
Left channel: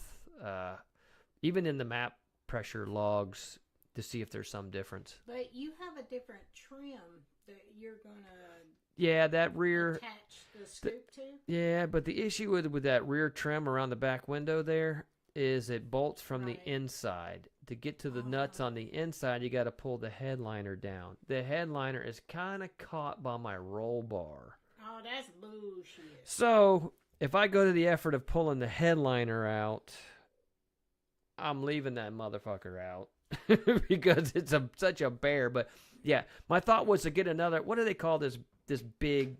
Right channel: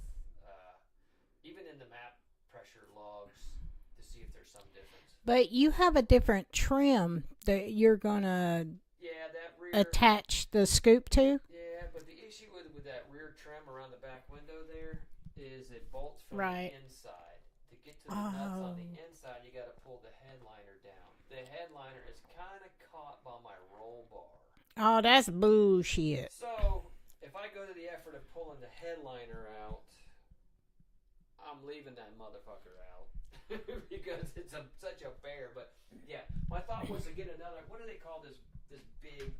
even in the map pressure logs, to see if there's some difference. But you have a different trim that you're gonna that rear attach the scoop to. Yeah, but the issue with that rear trim around the back window there is it bolts from the inside. To get to the nuts on the inside, you got to pull the headliner down. The headliner is kind of caught by my roll bar. Oh, that's bullshit. So if I go to the effort of pulling the headliner out, I'm leaving that motherfucker out because it's such a bear. But yeah, my thought was to get another, what do they call this big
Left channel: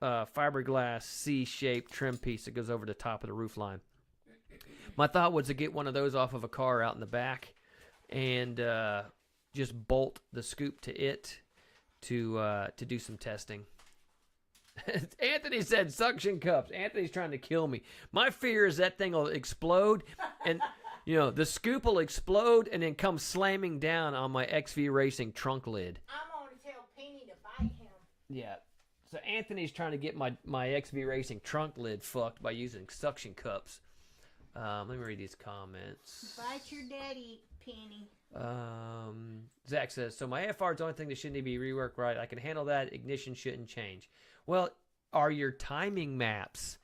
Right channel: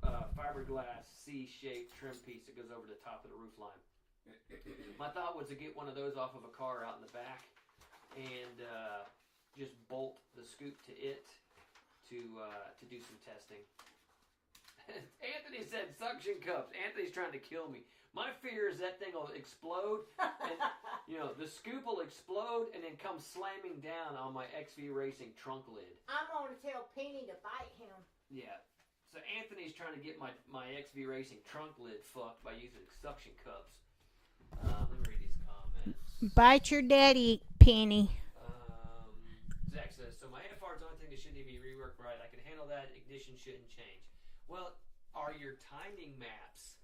fiberglass C-shaped trim piece that goes over the top of the roof line. My thought was to get one of those off of a car out in the back and just bolt the scoop to it to do some testing. Anthony said suction cups. Anthony's trying to kill me. My fear is that thing will explode, and the scoop will explode and then come slamming down on my XV Racing trunk lid. I'm gonna tell Penny to bite him. Yeah. So Anthony's trying to get my XV Racing trunk lid fucked by using suction cups. Let me read these comments. Bite your daddy, Penny. Zach says, so my AFR is the only thing that shouldn't be reworked right. I can handle that. Ignition shouldn't change. Well, are your timing maps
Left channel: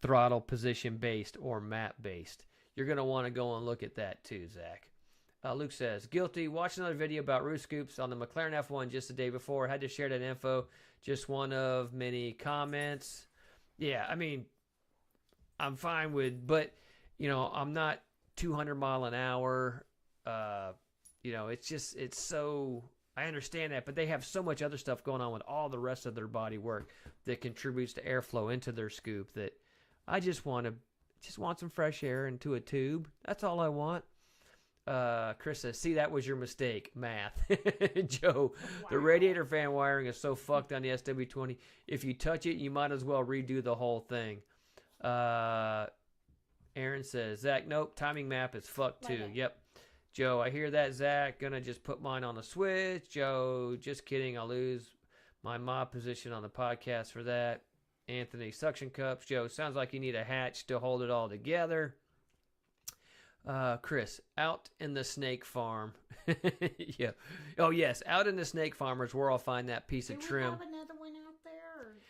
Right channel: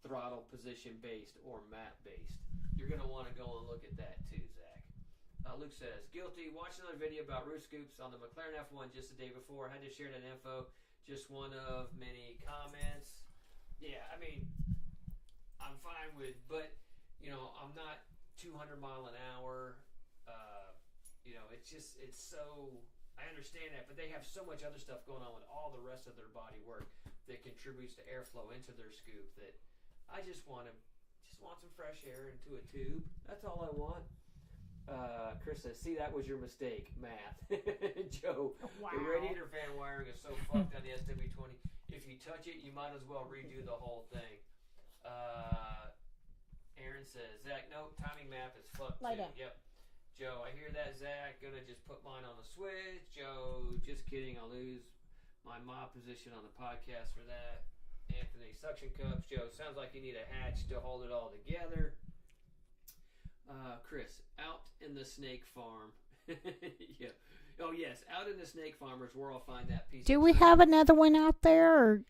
throttle position based or map based? You're going to want to go and look at that too, Zach. Luke says, guilty. Watched another video about roof scoops on the McLaren F1 just the day before. Had to share that info. Just one of many comments. Yeah, I mean, I'm fine with, but, I'm not 200 mile an hour. It's so, I understand that, but they have so much other stuff going on with all the rest of their body work that contributes to airflow into their scoop that I just want some fresh air into a tube. That's all I want. Chris says, see, that was your mistake. Math. Joe, wow. The radiator fan wiring is so fucked on the SW20. If you touch it, you might as well redo the whole thing. Aaron says, Zach, nope, timing map is fucked too. Yep. Joe, I hear that, Zach. Gonna just put mine on the switch. Joe, just kidding. I'll lose my mob position on the podcast for that. Anthony, suction cups. Joe, sounds like you need a hatch to hold it all together. Chris, out in the snake farm. Yeah. Oh, yes. Out in the snake farm is where I'll find that piece of trim. Do we have another one out there,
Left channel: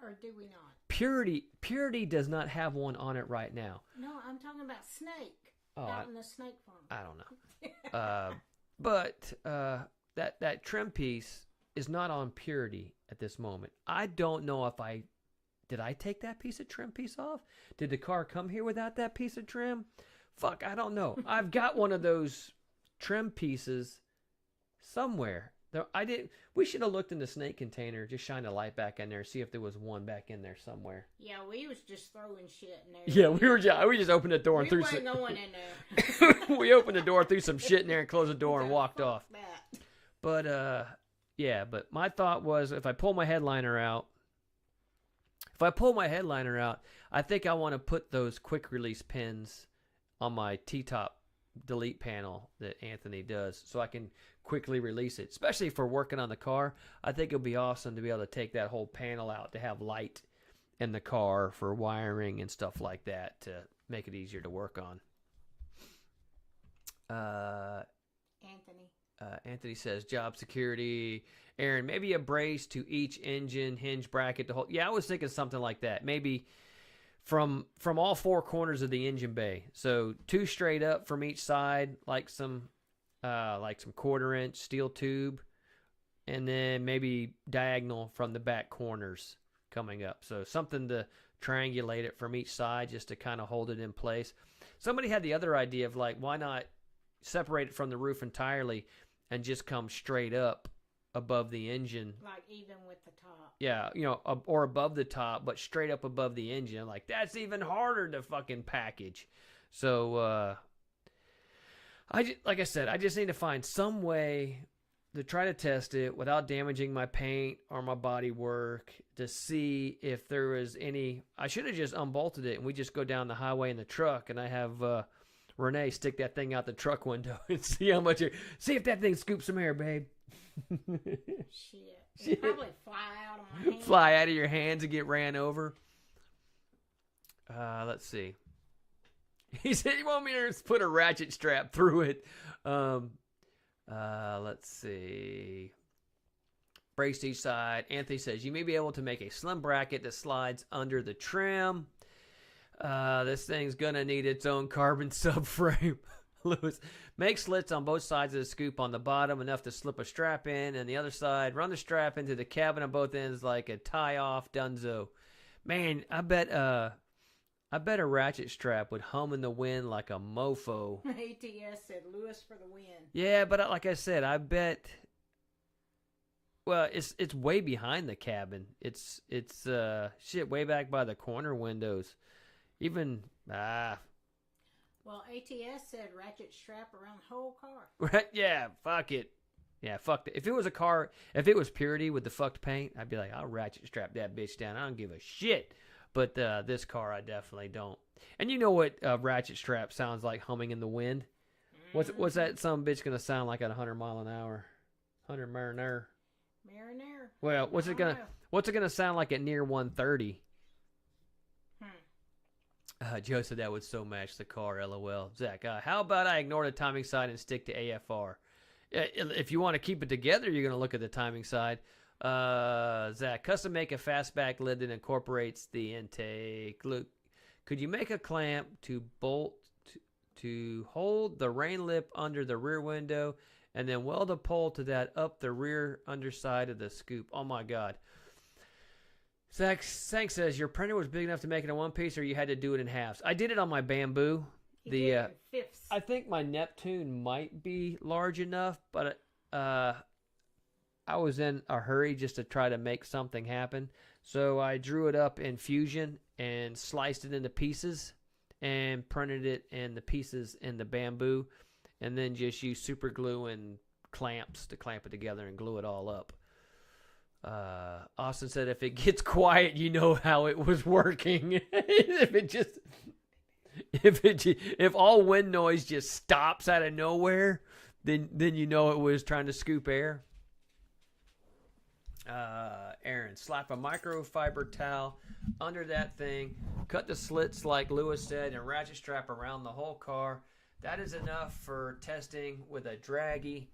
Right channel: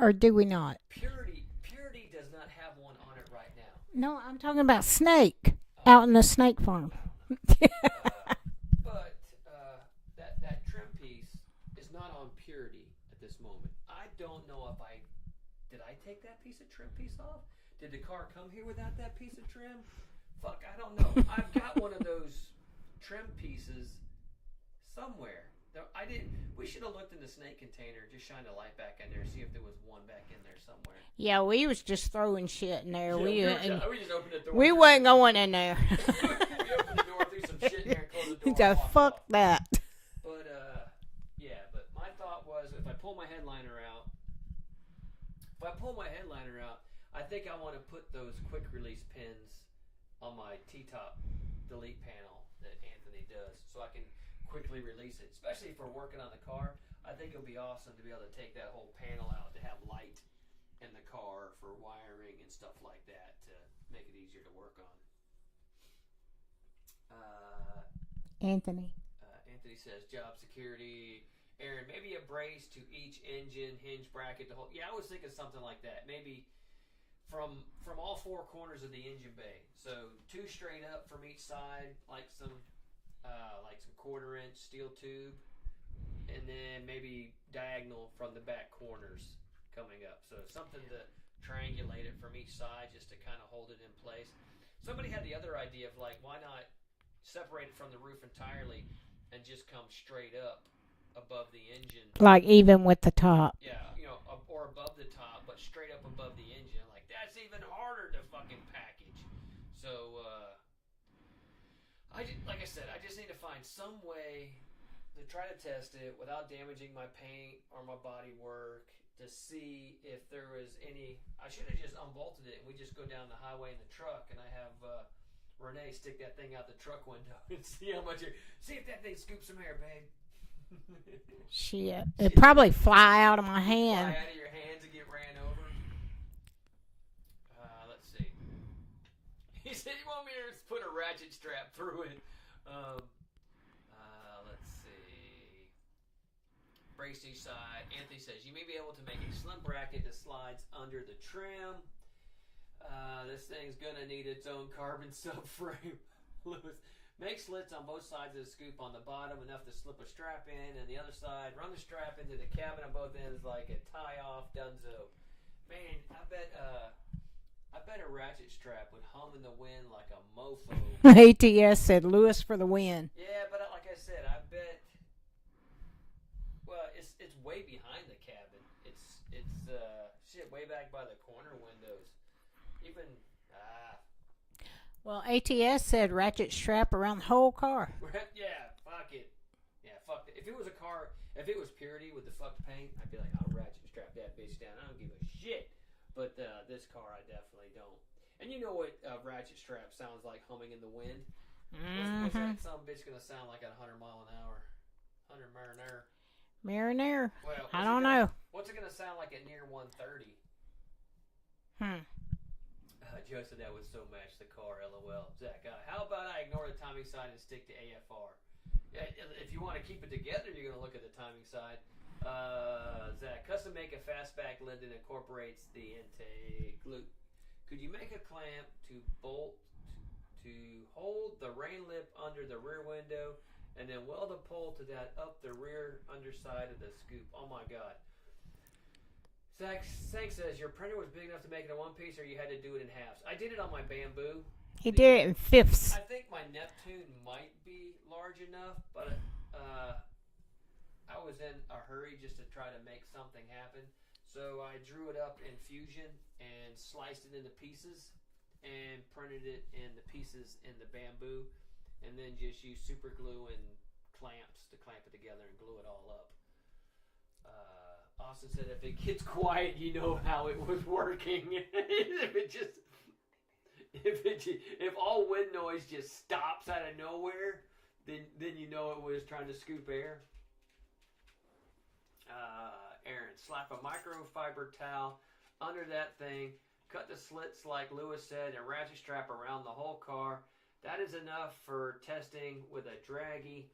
or do we not? Purity does not have one on it right now. No, I'm talking about snake. Out in the snake farm. I don't know. But that trim piece is not on Purity at this moment. I don't know if did I take that piece of trim piece off? Did the car come here without that piece of trim? Fuck, I don't know. I've got one of those trim pieces somewhere. We should have looked in the snake container, just shine a light back in there, see if there was one back in there somewhere. Yeah, we was just throwing shit in there. Yeah, we just opened the door. We wasn't going in there. We opened the door, threw some shit in there, and closed the door and walked off. That. But but my thought was if I pull my headliner out, I think I want to put those quick release pins on my T-top delete panel that Anthony does so I can quickly release it, especially for working on the car. I think it'll be awesome to be able to take that whole panel out to have light in the car for wiring and stuff like that to make it easier to work on. Anthony says job security. Aaron, maybe a brace to each engine hinge bracket to hold. Yeah, I was thinking something like that. Maybe from all four corners of the engine bay. So 2 straight up from each side, like some 1/4-inch steel tube, and then maybe diagonal from the back corners coming up. So something to triangulate it from each side just to kind of hold it in place. Somebody had the other idea of why not separate it from the roof entirely and just come straight up above the engine. Like even with the top. Yeah, or above the top, but straight up above the engine. Like, that's even harder to fucking package. So, like I said, I just need to find some way to try to test it without damaging my paint or my body work to see if there was any. I should have just unbolted it and we just go down the highway in the truck and I have Renee stick that thing out the truck window and see how much see if that thing scoops some air, babe. Shit. It'd probably fly out of my hand. Fly out of your hands and get ran over. Let's see. He said you want me to put a ratchet strap through it. Let's see. Braced each side. Anthony says you may be able to make a slim bracket that slides under the trim. This thing's gonna need its own carbon subframe. Lewis, make slits on both sides of the scoop on the bottom, enough to slip a strap in, and the other side, run the strap into the cabin on both ends like a tie-off Dunzo. Man, I bet a ratchet strap would hum in the wind like a mofo. ATS said Lewis for the win. Yeah, but like I said, I bet. Well, it's way behind the cabin. It's shit way back by the corner windows. Even Well, ATS said ratchet strap around the whole car. Right? Yeah, fuck it. Yeah, fuck it. If it was a car, if it was Purity with the fucked paint, I'd be like, I'll ratchet strap that bitch down. I don't give a shit. But this car, I definitely don't. And you know what ratchet strap sounds like humming in the wind? What's that some bitch gonna sound like at 100 mile an hour? 100 Mariner. Mariner. Well, what's it gonna sound like at near 130? Joe said that would so match the car. LOL. Zach, how about I ignore the timing side and stick to AFR? If you want to keep it together, you're gonna look at the timing side. Zach, custom make a fastback lid that incorporates the intake. Look, could you make a clamp to bolt to hold the rain lip under the rear window and then weld a pole to that up the rear underside of the scoop? Oh my god. Zach says your printer was big enough to make it in one piece, or you had to do it in halves. I did it on my Bamboo. He did it in fifths. I think my Neptune might be large enough, but I was in a hurry just to try to make something happen. So I drew it up in Fusion and sliced it into pieces and printed it in the pieces in the Bamboo, and then just used super glue and clamps to clamp it together and glue it all up. Austin said if it gets quiet, you know how it was working. if all wind noise just stops out of nowhere, then you know it was trying to scoop air. Aaron, slap a microfiber towel under that thing, cut the slits like Lewis said, and ratchet strap around the whole car. That is enough for testing with a draggy.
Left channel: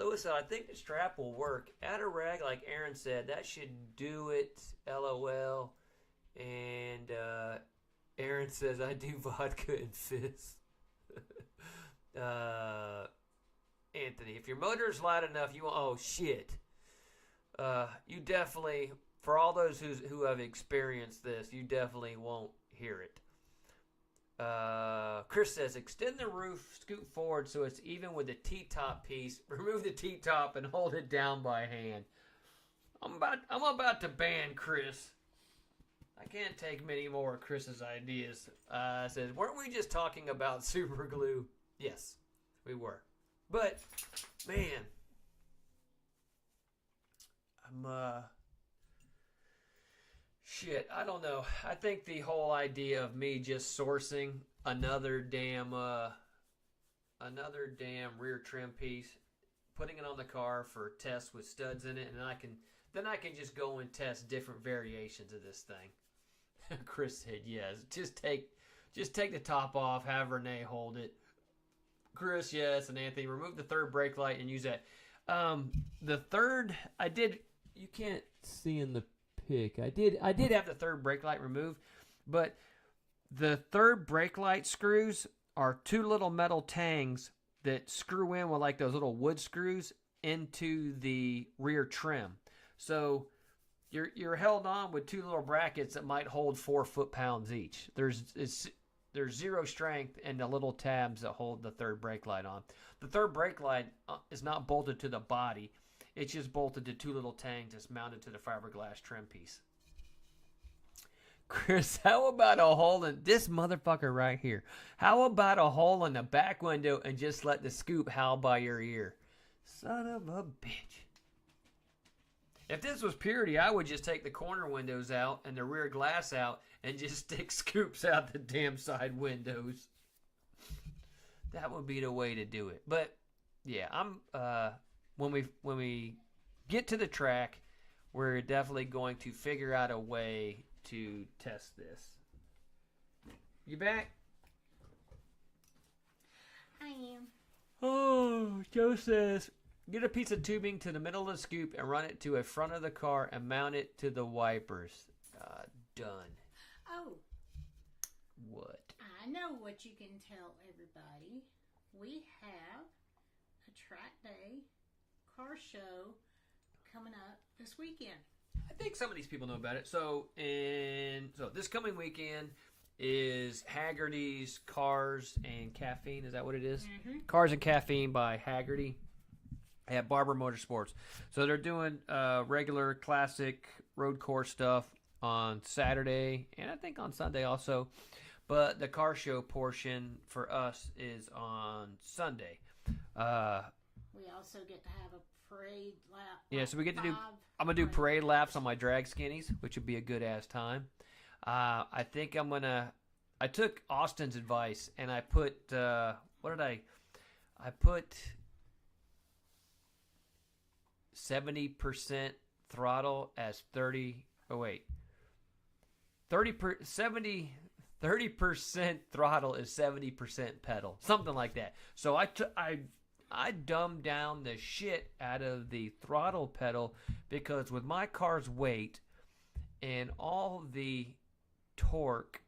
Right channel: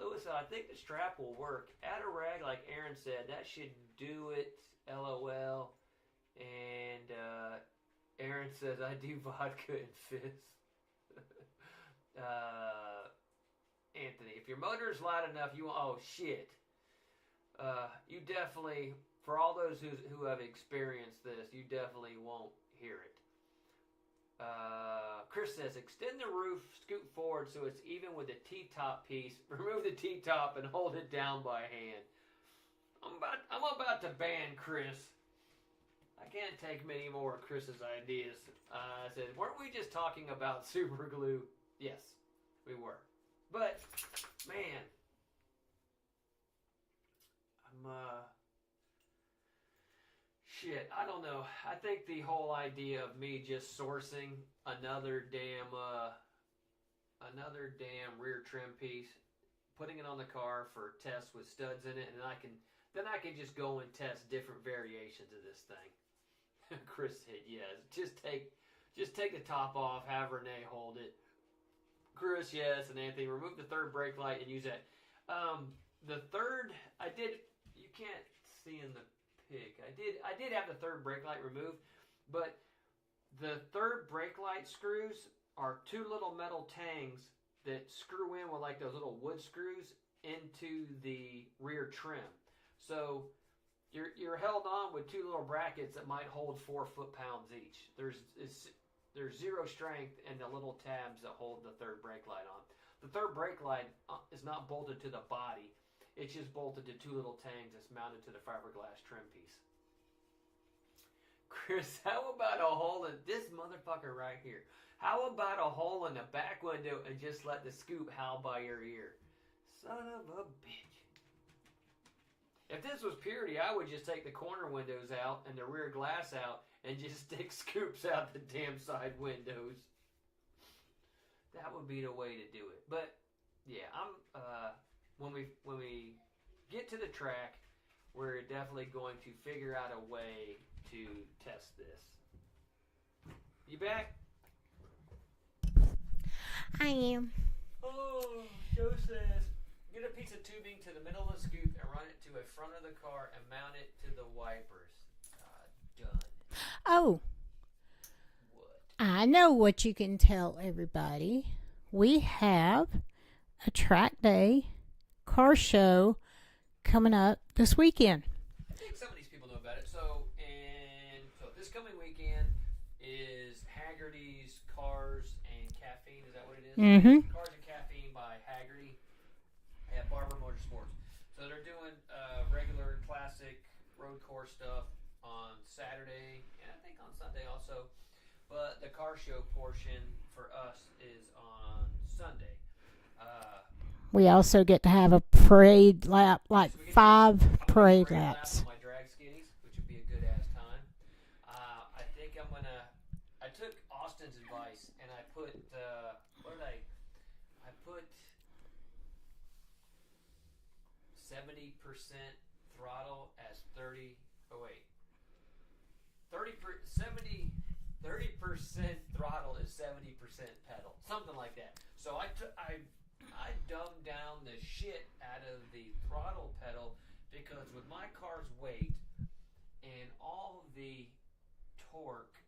Lewis said, I think the strap will work. Add a rag like Aaron said. That should do it. LOL. And Aaron says, I do vodka and fizz. Anthony, if your motor is loud enough, you won't. Oh, shit. You definitely, for all those who have experienced this, you definitely won't hear it. Chris says, extend the roof, scoot forward so it's even with the T-top piece. Remove the T-top and hold it down by hand. I'm about to ban Chris. I can't take many more of Chris's ideas. Says, weren't we just talking about super glue? Yes, we were. But, man, shit, I don't know. I think the whole idea of me just sourcing another damn rear trim piece, putting it on the car for tests with studs in it, and I can just go and test different variations of this thing. Chris said yes. Just take the top off, have Renee hold it. Chris, yes, and Anthony, remove the third brake light and use that. The third, I did. You can't see in the pic. I did have the third brake light removed, but the third brake light screws are two little metal tangs that screw in with like those little wood screws into the rear trim. So you're held on with two little brackets that might hold 4 foot-pounds each. There's zero strength in the little tabs that hold the third brake light on. The third brake light is not bolted to the body. It's just bolted to two little tangs that's mounted to the fiberglass trim piece. Chris, how about a hole in this motherfucker right here? How about a hole in the back window and just let the scoop howl by your ear? Son of a bitch. If this was Purity, I would just take the corner windows out and the rear glass out and just stick scoops out the damn side windows. That would be the way to do it. But yeah, I'm when we get to the track, we're definitely going to figure out a way to test this. You back? I am. Oh, Joe says, get a piece of tubing to the middle of the scoop and run it to a front of the car and mount it to the wipers. Done. Oh, What? I know what you can tell everybody. We have a track day car show coming up this weekend. I think some of these people know about it. So this coming weekend is Haggerty's Cars and Caffeine. Is that what it is? Mm-hmm. Cars and Caffeine by Haggerty at Barber Motorsports. So they're doing regular classic road course stuff on Saturday and I think on Sunday also. But the car show portion for us is on Sunday. We also get to have a parade lap, like so we get to five I'm gonna parade do parade laps laps. on my drag skinnies, which would be a good ass time. I think I'm gonna. I took Austin's advice and I put what did I put 70% throttle as 30. Oh wait, 30% throttle is 70% pedal, something like that. So I dumbed down the shit out of the throttle pedal because with my car's weight and all the torque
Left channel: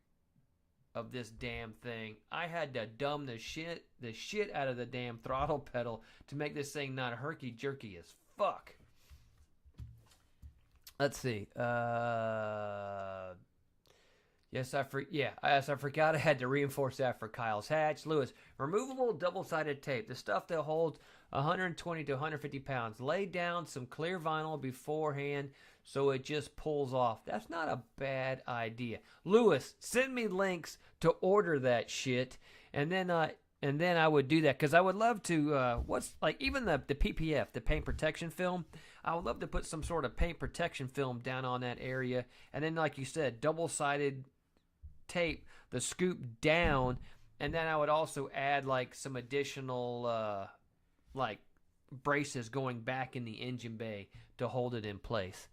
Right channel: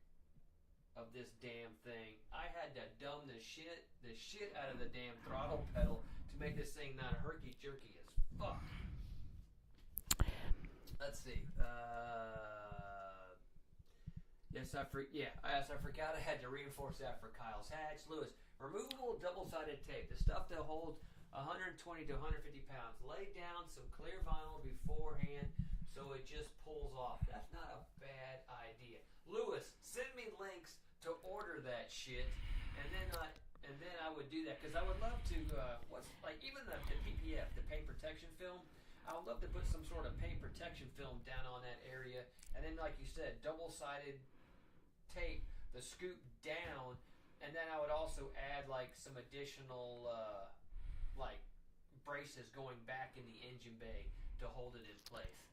of this damn thing, I had to dumb the shit out of the damn throttle pedal to make this thing not herky-jerky as fuck. Let's see. Yes, I forgot I had to reinforce that for Kyle's hatch. Lewis, removable double-sided tape, the stuff that holds 120 to 150 pounds. Lay down some clear vinyl beforehand so it just pulls off. That's not a bad idea. Lewis, send me links to order that shit, and then I would do that because I would love to. What's like even the PPF, the paint protection film. I would love to put some sort of paint protection film down on that area, and then like you said, double-sided tape the scoop down, and then I would also add like some additional like braces going back in the engine bay to hold it in place.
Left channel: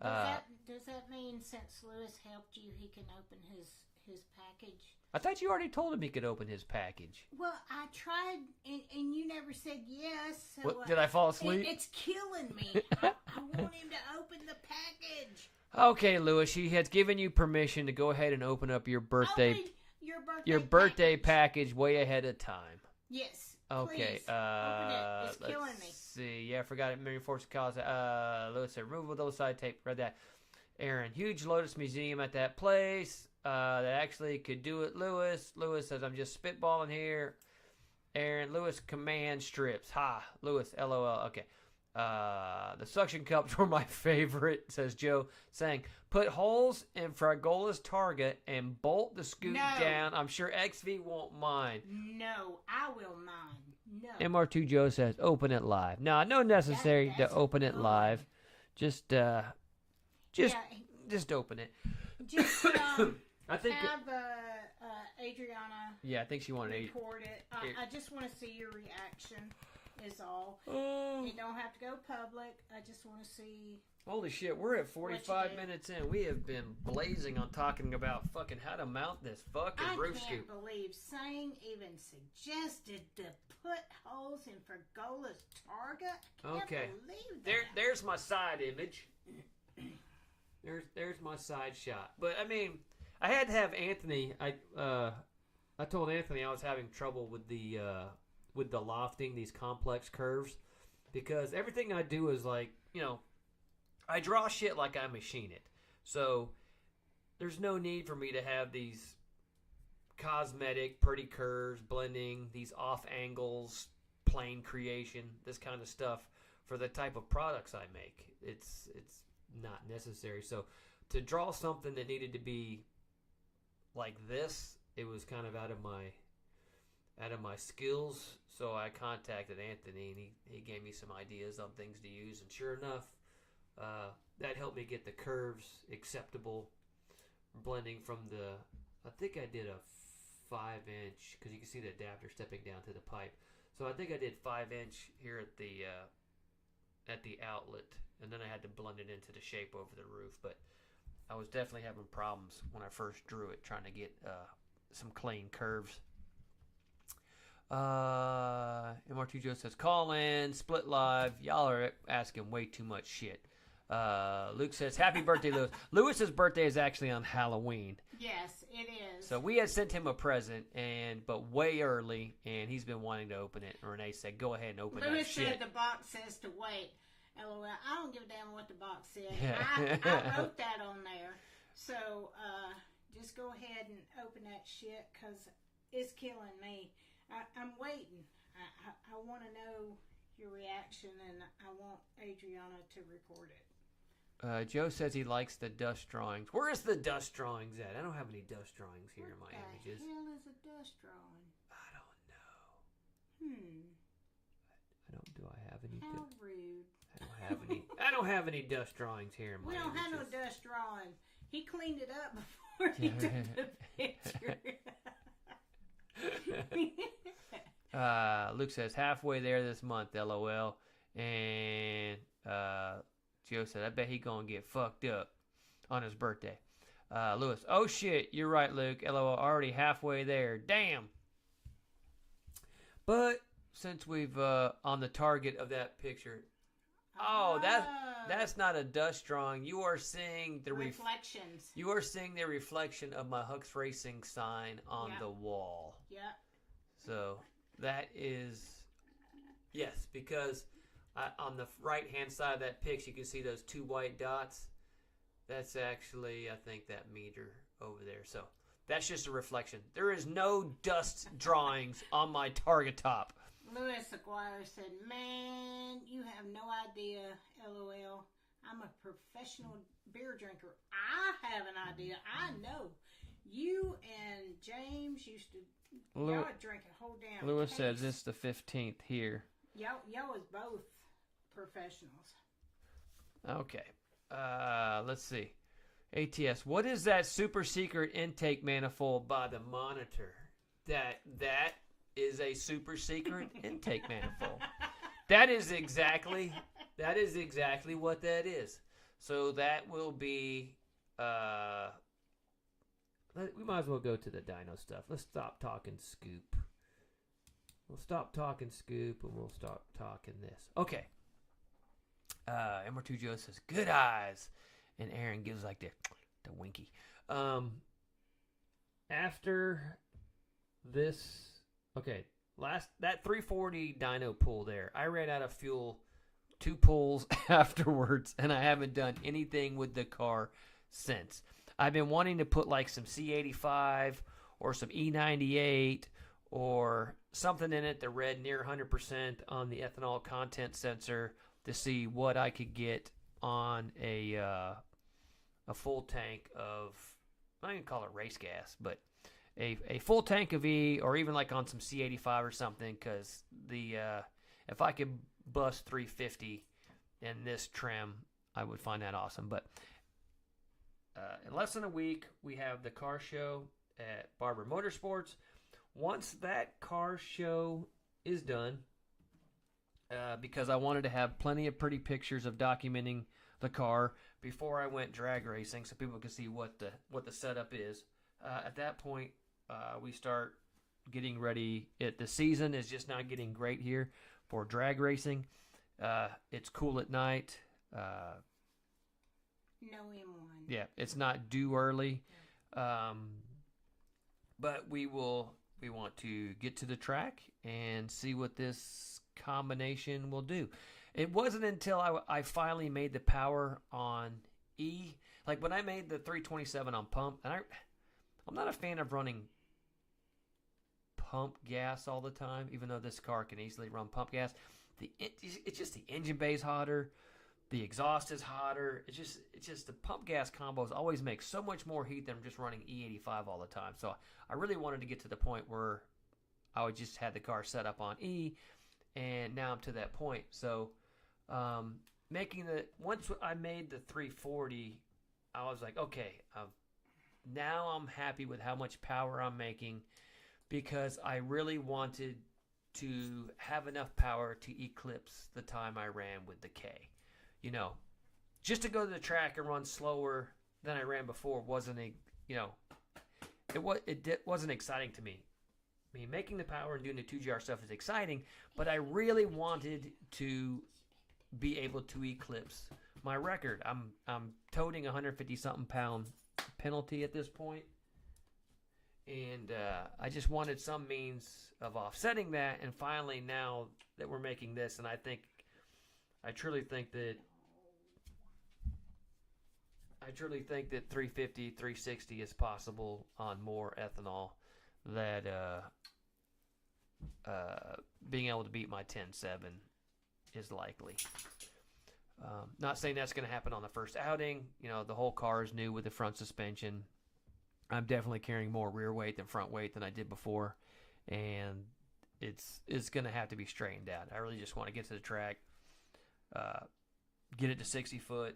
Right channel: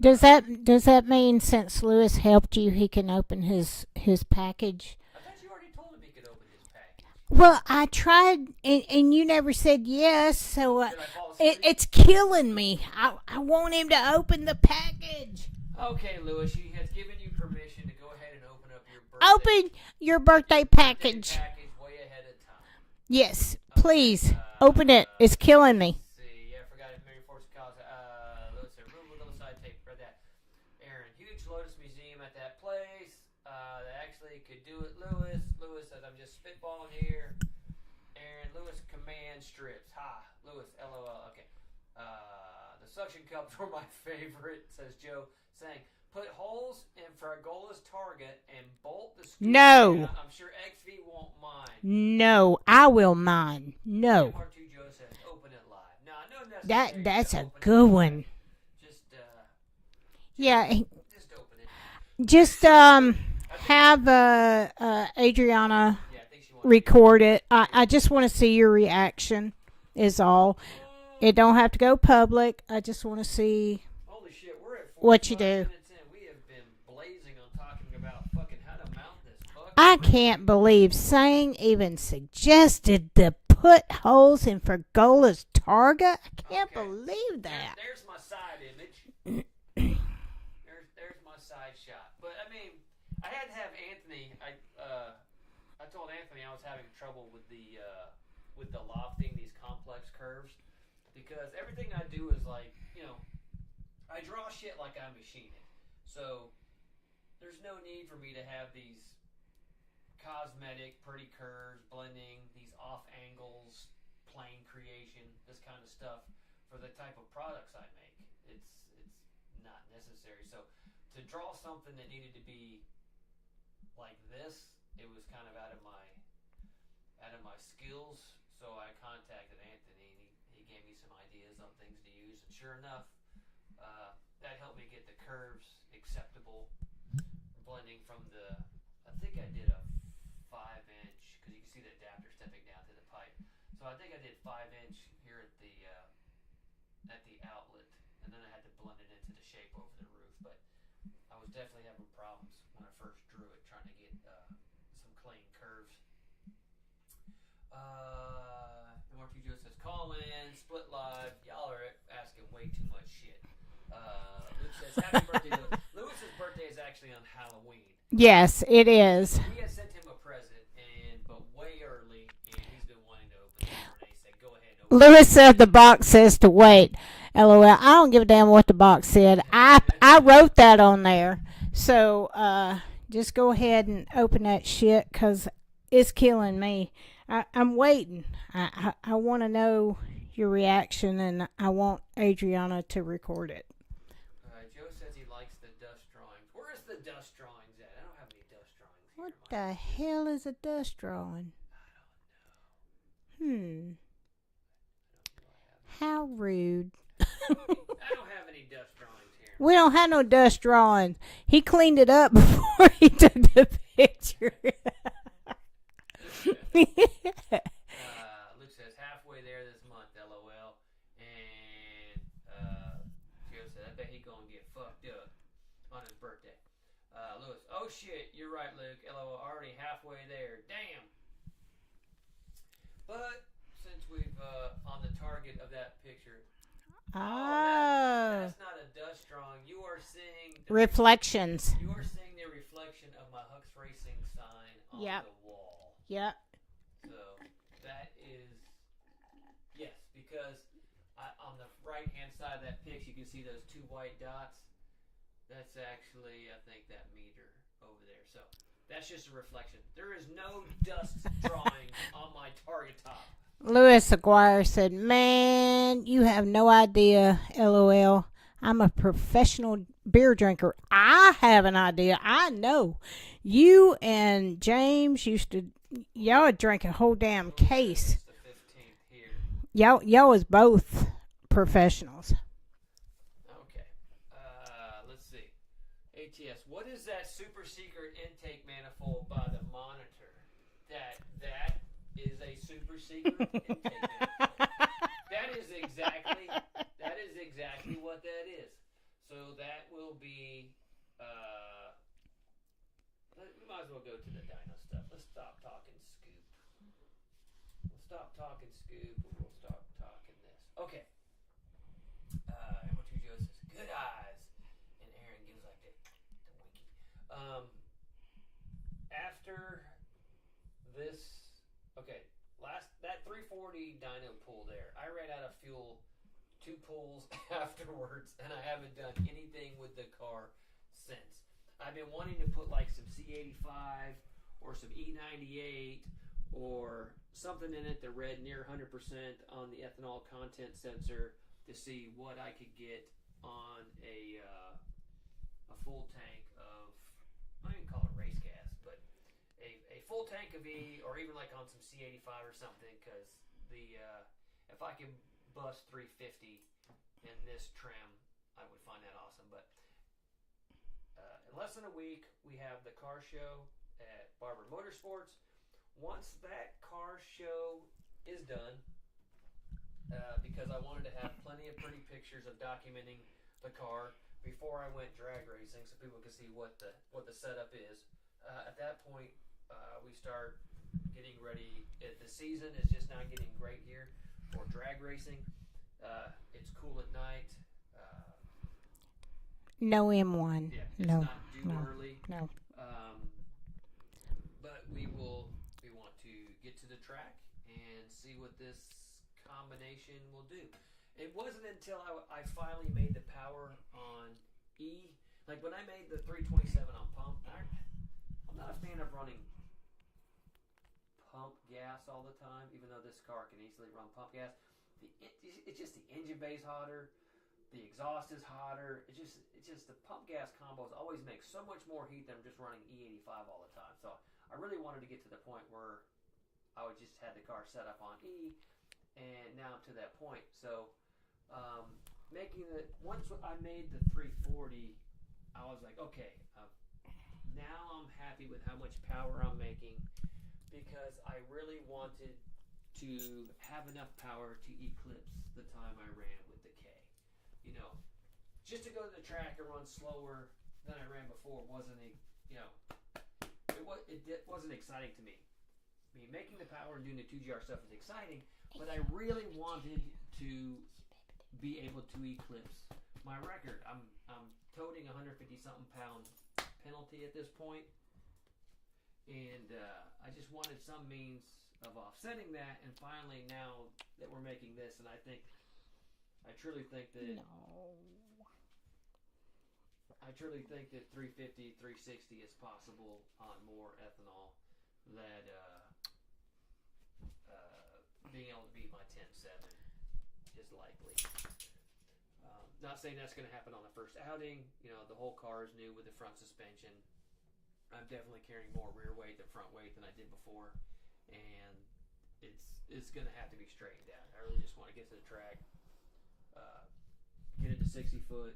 Does that mean since Lewis helped you, he can open his package? I thought you already told him he could open his package. Well, I tried, and you never said yes. So Did I fall asleep? it's killing me. I want him to open the package. Okay, Lewis, he has given you permission to go ahead and open up your birthday. Open your birthday package way ahead of time. Yes, Okay, please open it. It's killing me. Let's see, yeah, I forgot it. Mary Force calls. Lewis said removable double-sided tape. Read that. Aaron, huge Lotus Museum at that place. That actually could do it. Lewis says I'm just spitballing here. Aaron, Lewis command strips. Ha, Lewis, LOL. Okay. The suction cups were my favorite, says Joe, saying, put holes in Fragola's target and bolt the scoop down. I'm sure XV won't mind. No, I will mind. No. MR2 Joe says, open it live. No, no necessary to open it good live. One. Just open it. Just have Adriana yeah, I think she wants record it. I just want to see your reaction is all. It don't have to go public. I just want to see. Holy shit, we're at 45 what you do. minutes in. We have been blazing on talking about fucking how to mount this fucking I brisket. can't believe Sang even suggested to put holes in Fragola's Targa. I can't Okay. believe that. There's my side image. there's my side shot. But I mean, I had to have Anthony. I told Anthony I was having trouble with the lofting, these complex curves, because everything I do is like, I draw shit like I machine it. So there's no need for me to have these cosmetic, pretty curves, blending, these off angles, plane creation, this kind of stuff for the type of products I make. It's not necessary. So to draw something that needed to be like this, it was kind of out of my skills. So I contacted Anthony, and he gave me some ideas on things to use. And sure enough, that helped me get the curves acceptable, blending from the. I think I did a 5-inch, because you can see the adapter stepping down to the pipe. So I think I did 5-inch here at the outlet, and then I had to blend it into the shape over the roof. But I was definitely having problems when I first drew it, trying to get some clean curves. MR2 Joe says, call in, split live. Y'all are asking way too much shit. Luke says, happy birthday, Lewis. Lewis's birthday is actually on Halloween. Yes, it is. So we had sent him a present, but way early, and he's been wanting to open it. And Renee said, go ahead and open it. Lewis said the box says to wait. LOL. I don't give a damn what the box said. I wrote that on there. So just go ahead and open that shit, because it's killing me. I'm waiting. I want to know your reaction, and I want Adriana to record it. Joe says he likes the dust drawings. Where is the dust drawings at? I don't have any dust drawings here. What the hell is a dust drawing? I don't know. Do I have any? How rude. I don't have any dust drawings here. We don't have no dust drawings. He cleaned it up before he took the picture. Luke says halfway there this month, LOL. And Joe said, I bet he gonna get fucked up on his birthday. Lewis, oh shit, you're right, Luke. LOL, already halfway there. Damn. But since we've on the target of that picture, that's not a dust drawing. You are seeing the reflections. You are seeing the reflection of my Hucks Racing sign on the wall. Yep. So that is, yes, because on the right-hand side of that picture, you can see those 2 white dots. That's actually, I think, that meter over there. So that's just a reflection. There is no dust drawings on my target top. Lewis Aguirre said, man, you have no idea, LOL. I'm a professional beer drinker. I have an idea. I know. You and James used to, y'all would drink a whole damn Lewis case. Says it's the 15th here. Y'all is both professionals. Okay. Let's see. ATS, what is that super secret intake manifold by the monitor? That is a super secret intake manifold. That is exactly what that is. So that will be we might as well go to the dyno stuff. Let's stop talking scoop. We'll stop talking scoop and we'll start talking this. Okay. MR2 Joe says, good eyes. And Aaron gives like the winky. After this, okay, that 340 dyno pull there, I ran out of fuel 2 pulls afterwards, and I haven't done anything with the car since. I've been wanting to put like some C85 or some E98 or something in it that read near 100% on the ethanol content sensor to see what I could get on a full tank of, I don't even call it race gas, but a full tank of E, or even like on some C85 or something, because if I could bust 350 in this trim, I would find that awesome. But in less than a week, we have the car show at Barber Motorsports. Once that car show is done, because I wanted to have plenty of pretty pictures of documenting the car before I went drag racing, so people could see what the setup is. At that point, we start getting ready. The season is just not getting great here for drag racing. It's cool at night. No M1. Yeah, it's not due early. No. But we want to get to the track and see what this combination will do. It wasn't until I finally made the power on E, like when I made the 327 on pump, and I'm not a fan of running pump gas all the time, even though this car can easily run pump gas. it's just the engine bay's hotter, the exhaust is hotter. It's just the pump gas combos always make so much more heat than just running E85 all the time. So I really wanted to get to the point where I would just had the car set up on E, and now I'm to that point. So once I made the 340, I was like, okay, now I'm happy with how much power I'm making, because I really wanted to have enough power to eclipse the time I ran with the K. You know, just to go to the track and run slower than I ran before wasn't wasn't exciting to me. I mean, making the power and doing the 2GR stuff is exciting, but I really wanted to be able to eclipse my record. I'm toting 150 something pound penalty at this point, and I just wanted some means of offsetting that. And finally, now that we're making this, and I truly think that 350, 360 is possible on more ethanol. That being able to beat my 10.7 is likely. Not saying that's going to happen on the first outing. You know, the whole car is new with the front suspension. I'm definitely carrying more rear weight than front weight than I did before, and it's going to have to be straightened out. I really just want to get to the track, get it to 60 foot,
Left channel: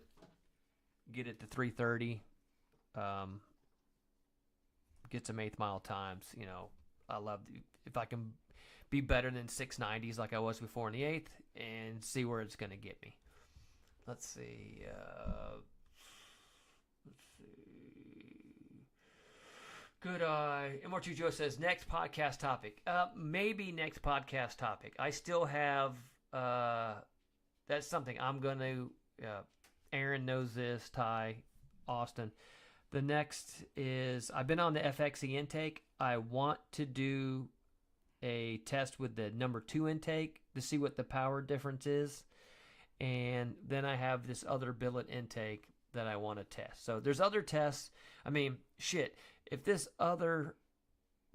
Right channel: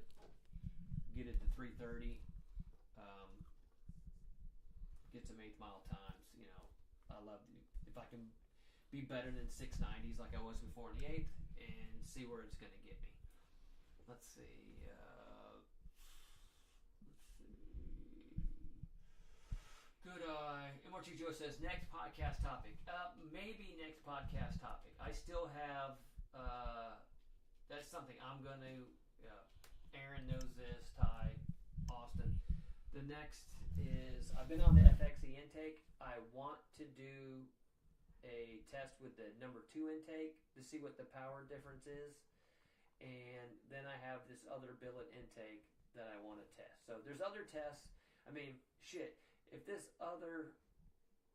get it to 330, get some 8th mile times. You know, I love if I can be better than 690s like I was before in the 8th, and see where it's going to get me. Let's see. Good eye. MR2 Joe says, next podcast topic. Maybe next podcast topic. I still have, that's something I'm going to, Aaron knows this, Ty, Austin. The next is, I've been on the FXE intake. I want to do a test with the number 2 intake to see what the power difference is. And then I have this other billet intake that I want to test. So there's other tests. I mean, shit, if this other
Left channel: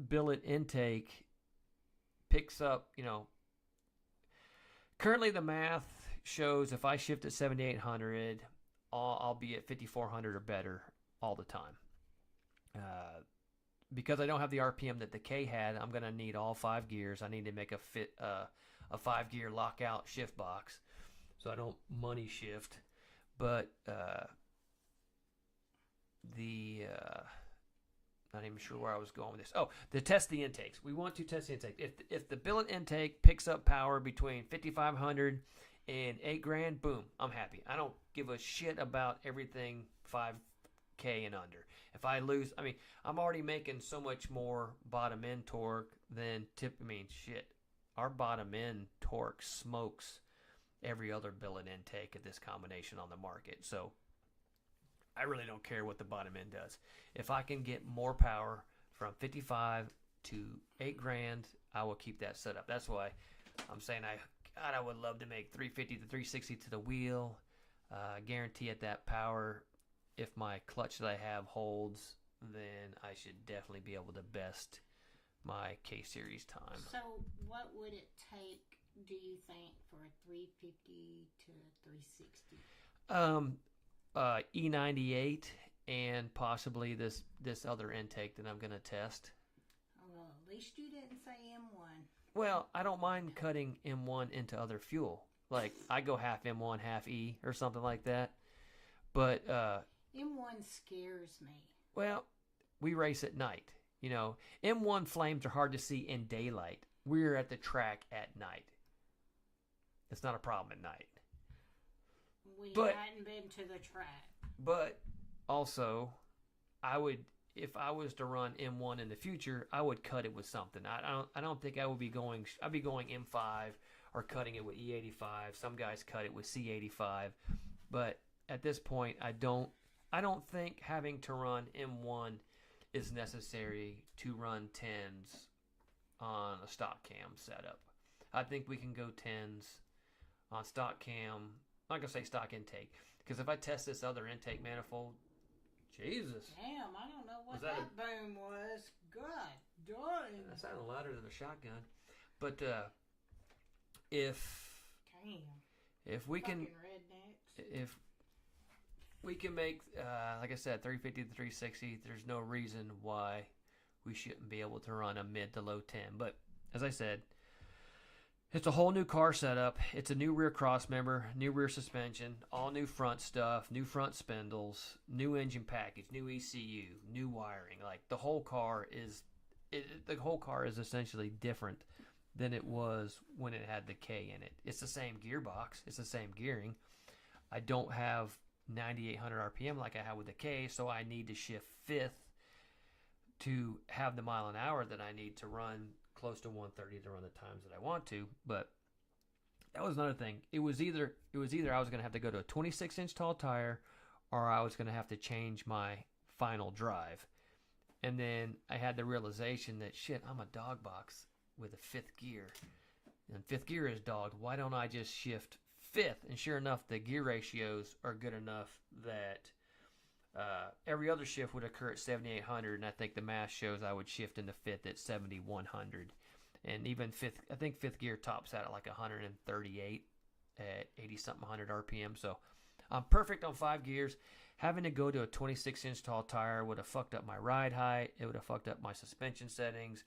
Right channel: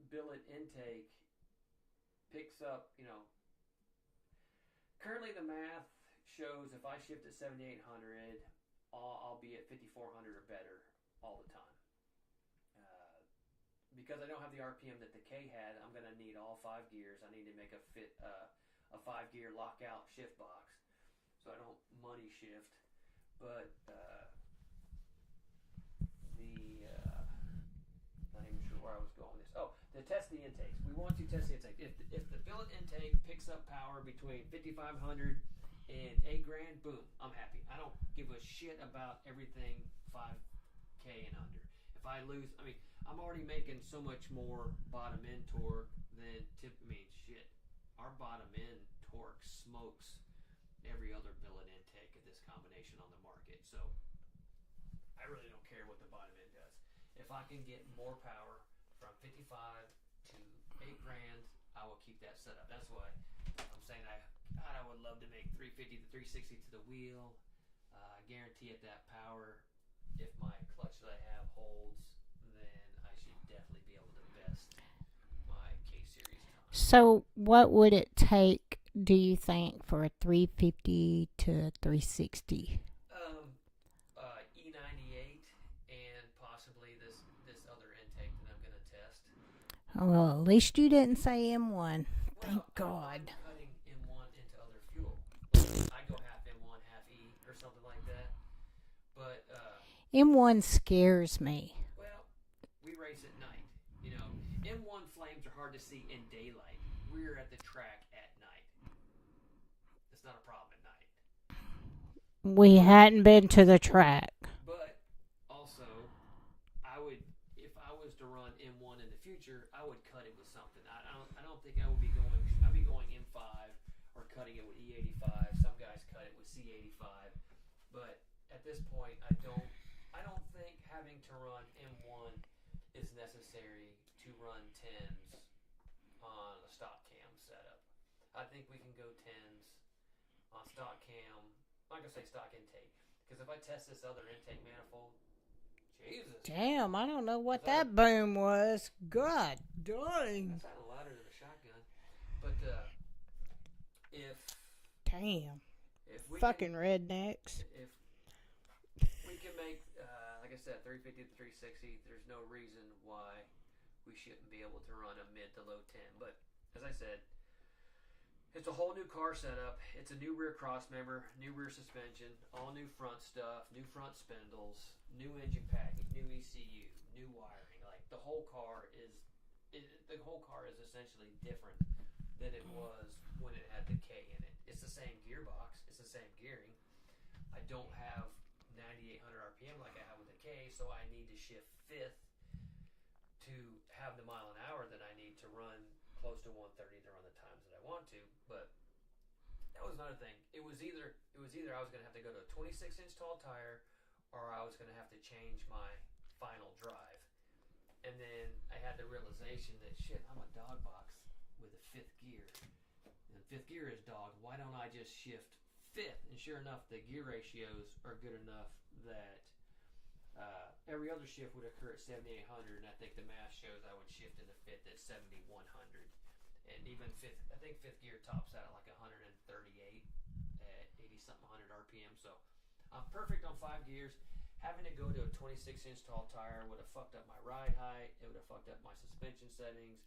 billet intake picks up, you know, currently the math shows if I shift at 7,800, I'll be at 5,400 or better all the time. Because I don't have the RPM that the K had, I'm going to need all 5 gears. I need to make a 5-gear lockout shift box, so I don't money shift. But not even sure where I was going with this. Oh, to test the intakes. We want to test the intake. If the billet intake picks up power between 5,500 and $8,000, boom, I'm happy. I don't give a shit about everything 5K and under. If I lose, I mean, I'm already making so much more bottom end torque than shit. Our bottom end torque smokes every other billet intake at this combination on the market. So I really don't care what the bottom end does. If I can get more power from 55 to $8,000, I will keep that set up. That's why I'm saying I would love to make 350 to 360 to the wheel. Guarantee at that power, if my clutch that I have holds, then I should definitely be able to best my K-Series time. So what would it take, do you think, for a 350 to 360? E98 and possibly this other intake that I'm going to test. Well, at least you didn't say M1. Well, I don't mind cutting M1 into other fuel. Like, I go half M1, half E or something like that. But M1 scares me. Well, we race at night. You know, M1 flames are hard to see in daylight. We're at the track at night. It's not a problem at night. We hadn't been to the track. But also, if I was to run M1 in the future, I would cut it with something. I don't think I would be going. I'd be going M5 or cutting it with E85. Some guys cut it with C85, but at this point, I don't think having to run M1 is necessary to run 10s on a stock cam setup. I think we can go 10s on stock cam. I'm not gonna say stock intake, because if I test this other intake manifold, Jesus. Damn, I don't know what that boom was. God dang. That sounded louder than a shotgun. But if Damn. If we Fucking rednecks. if we can make, like I said, 350 to 360, there's no reason why we shouldn't be able to run a mid to low 10. But as I said, it's a whole new car setup. It's a new rear cross member, new rear suspension, all new front stuff, new front spindles, new engine package, new ECU, new wiring. Like the whole car is essentially different than it was when it had the K in it. It's the same gearbox, it's the same gearing. I don't have 9,800 RPM like I have with the K, so I need to shift fifth to have the mile an hour that I need to run close to 130 to run the times that I want to. But that was another thing. It was either I was going to have to go to a 26-inch tall tire, or I was going to have to change my final drive. And then I had the realization that shit, I'm a dog box with a fifth gear, and fifth gear is dogged. Why don't I just shift fifth? And sure enough, the gear ratios are good enough that every other shift would occur at 7,800, and I think the math shows I would shift into fifth at 7,100. And even fifth, I think fifth gear tops out at like 138 at 80-something 100 RPM. So I'm perfect on 5 gears. Having to go to a 26-inch tall tire would have fucked up my ride height. It would have fucked up my suspension settings.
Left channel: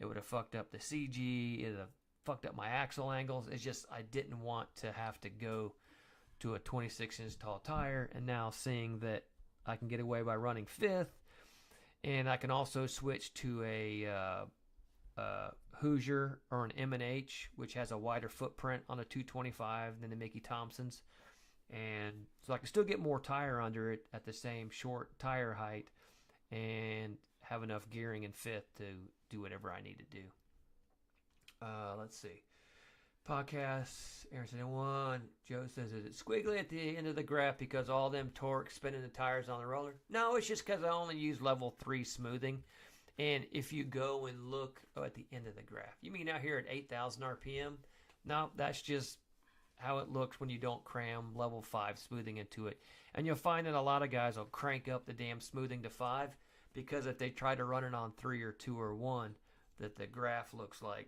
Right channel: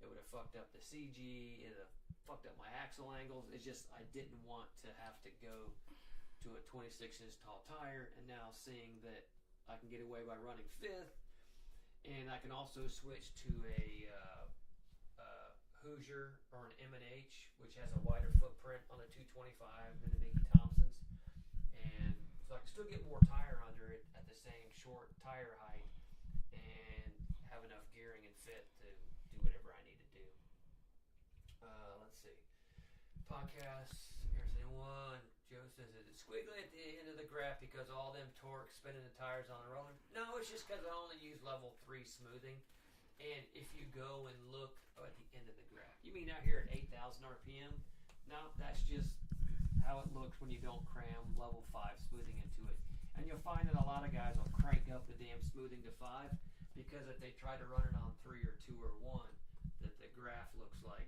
It would have fucked up the CG. It would have fucked up my axle angles. It's just I didn't want to have to go to a 26-inch tall tire. And now seeing that I can get away by running fifth, and I can also switch to a Hoosier or an M&H, which has a wider footprint on a 225 than the Mickey Thompsons, and so I can still get more tire under it at the same short tire height and have enough gearing and fifth to do whatever I need to do. Let's see. Podcasts, Aaron said 1. Joe says, is it squiggly at the end of the graph because all them torque spinning the tires on the roller? No, it's just because I only use level 3 smoothing. And if you go and look at the end of the graph, you mean out here at 8,000 RPM? No, that's just how it looks when you don't cram level 5 smoothing into it. And you'll find that a lot of guys will crank up the damn smoothing to 5 because if they try to run it on 3 or 2 or 1, that the graph looks like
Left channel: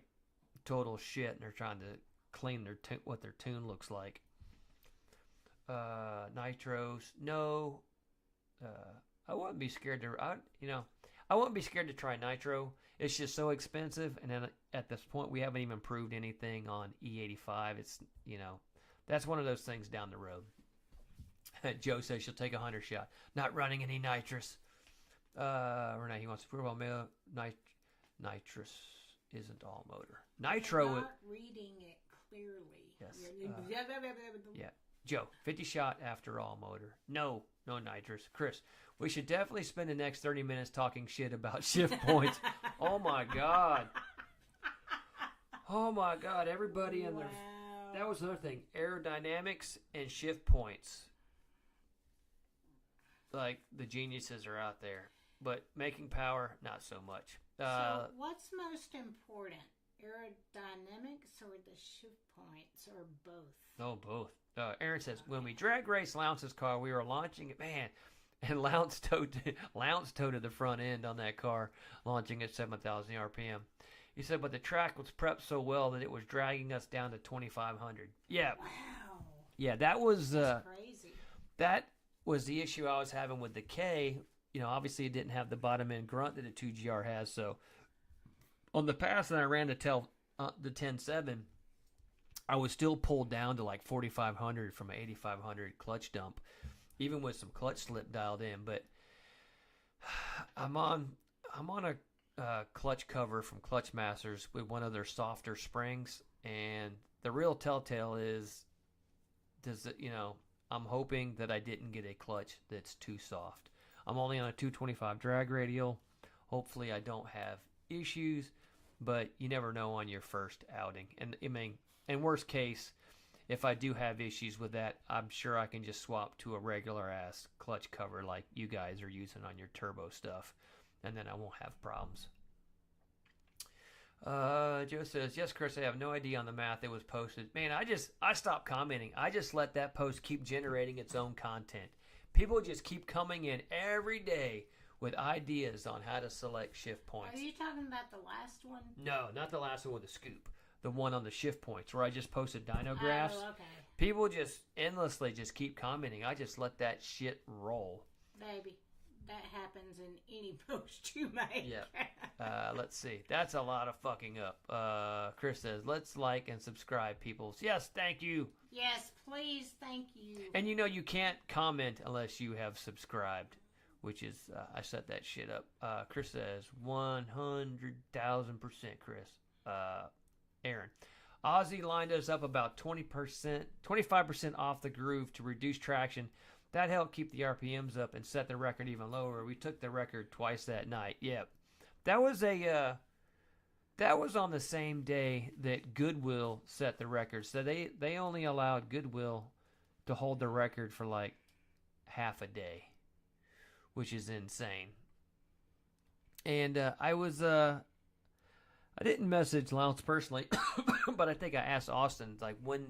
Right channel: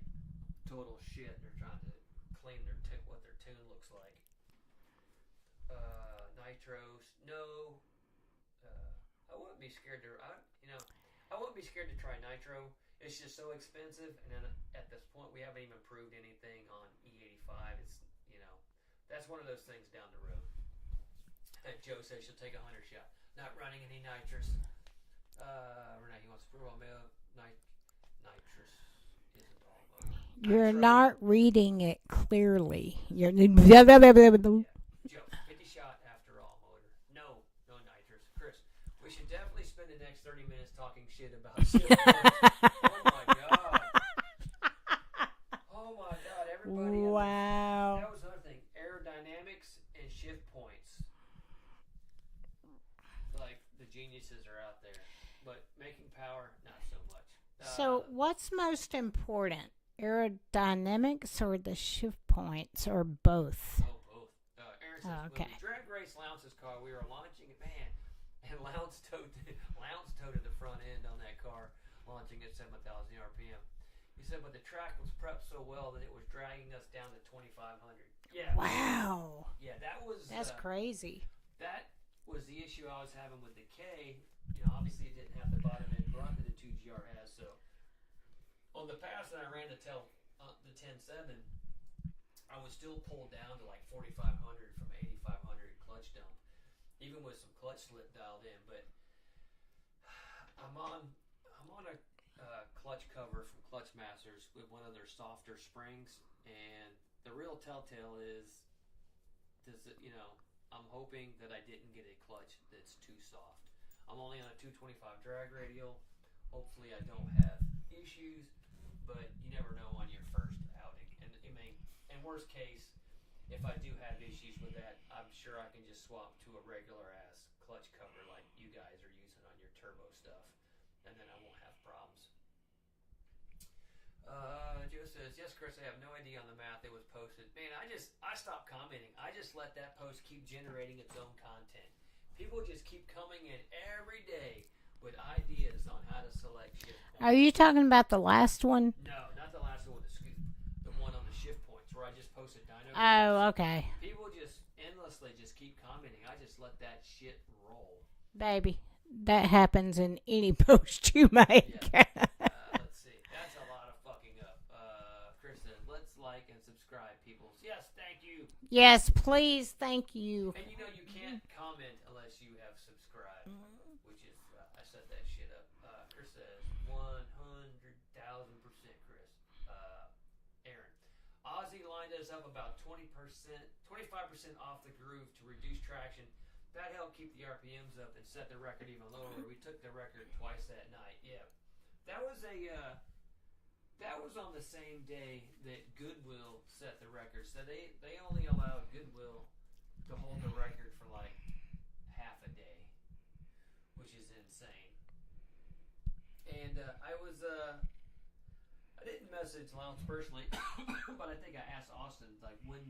total shit, and they're trying to clean what their tune looks like. Nitros, no. I wouldn't be scared to. I wouldn't be scared to try nitro. It's just so expensive, and then at this point, we haven't even proved anything on E85. It's that's one of those things down the road. Joe says she'll take a 100 shot. Not running any nitrous. Renee, he wants to prove on nitrous isn't all motor. Nitro, you're not reading it clearly. You're yeah. Joe, 50 shot after all motor. No nitrous. Chris, we should definitely spend the next 30 minutes talking shit about shift points. Oh my god. Oh my god, everybody. Wow. That was another thing. Aerodynamics and shift points. Like, the geniuses are out there. But making power, not so much. So what's most important? Aerodynamics or the shift points, or both? Oh, both. Aaron says, when we drag race Lounce's car, we were launching it, man, and Lounce towed to the front end on that car, launching at 7,000 RPM. He said, but the track was prepped so well that it was dragging us down to 2,500. Yeah. Wow. Yeah, that's crazy. That was the issue I was having with the K. Obviously it didn't have the bottom end grunt that the 2GR has. So on the pass that I ran to the 10.7, I was still pulled down to like 4,500 from an 8,500 clutch dump, even with some clutch slip dialed in. But I'm on a clutch cover from Clutch Masters with one of their softer springs, and the real telltale is, I'm hoping that I didn't get a clutch that's too soft. I'm only on a 225 drag radial. Hopefully I don't have issues, but you never know on your first outing. And in worst case, if I do have issues with that, I'm sure I can just swap to a regular ass clutch cover like you guys are using on your turbo stuff, and then I won't have problems. Joe says, yes, Chris, I have no idea on the math it was posted. Man, I stopped commenting. I just let that post keep generating its own content. People just keep coming in every day with ideas on how to select shift points. Are you talking about the last one? No, not the last one with the scoop. the one on the shift points where I just posted dyno Oh, graphs. okay. People just endlessly just keep commenting. I just let that shit roll. Baby, that happens in any post you make. Yeah. Let's see. That's a lot of fucking up. Chris says, let's like and subscribe, peoples. Yes, thank you. Yes, please. Thank you. And you know you can't comment unless you have subscribed, which is, I set that shit up. Chris says, 100,000%, Chris. Aaron. Ozzy lined us up about 20%, 25% off the groove to reduce traction. That helped keep the RPMs up and set the record even lower. We took the record twice that night. Yep. That was on the same day that Goodwill set the record. So they only allowed Goodwill to hold the record for like half a day, which is insane. And I didn't message Lounce personally, but I think I asked Austin, like, when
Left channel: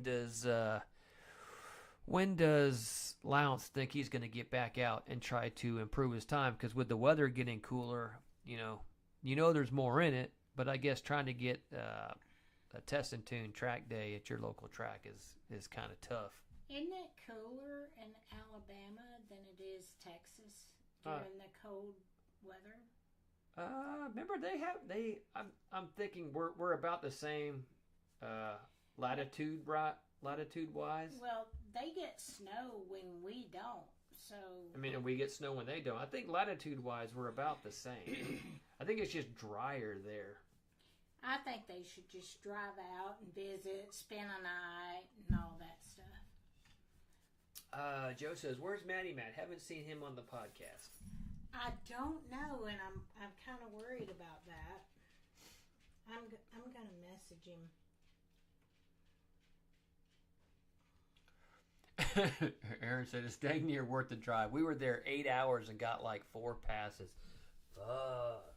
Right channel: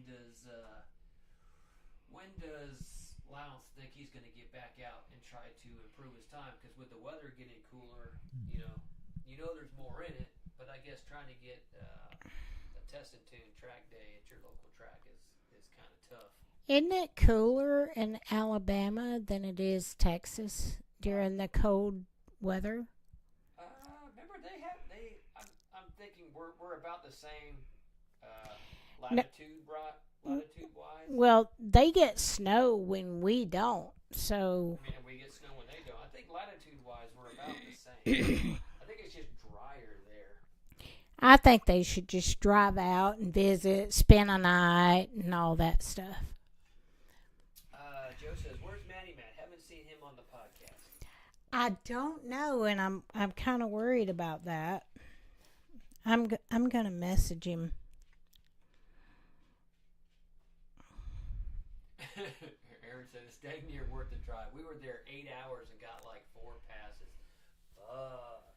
does Lounce think he's going to get back out and try to improve his time? Because with the weather getting cooler, you know there's more in it, but I guess trying to get a test and tune track day at your local track is kind of tough. Isn't it cooler in Alabama than it is Texas during the cold weather? Remember I'm thinking we're about the same latitude wise. Well, they get snow when we don't. So I mean, we get snow when they don't. I think latitude wise we're about the same. I think it's just drier there. I think they should just drive out and visit, spend a night, and all that stuff. Joe says, "Where's Matty Matt? Haven't seen him on the podcast." I don't know, and I'm kind of worried about that. I'm gonna message him. Aaron said it's dang near worth the drive. We were there 8 hours and got like 4 passes. Fuck.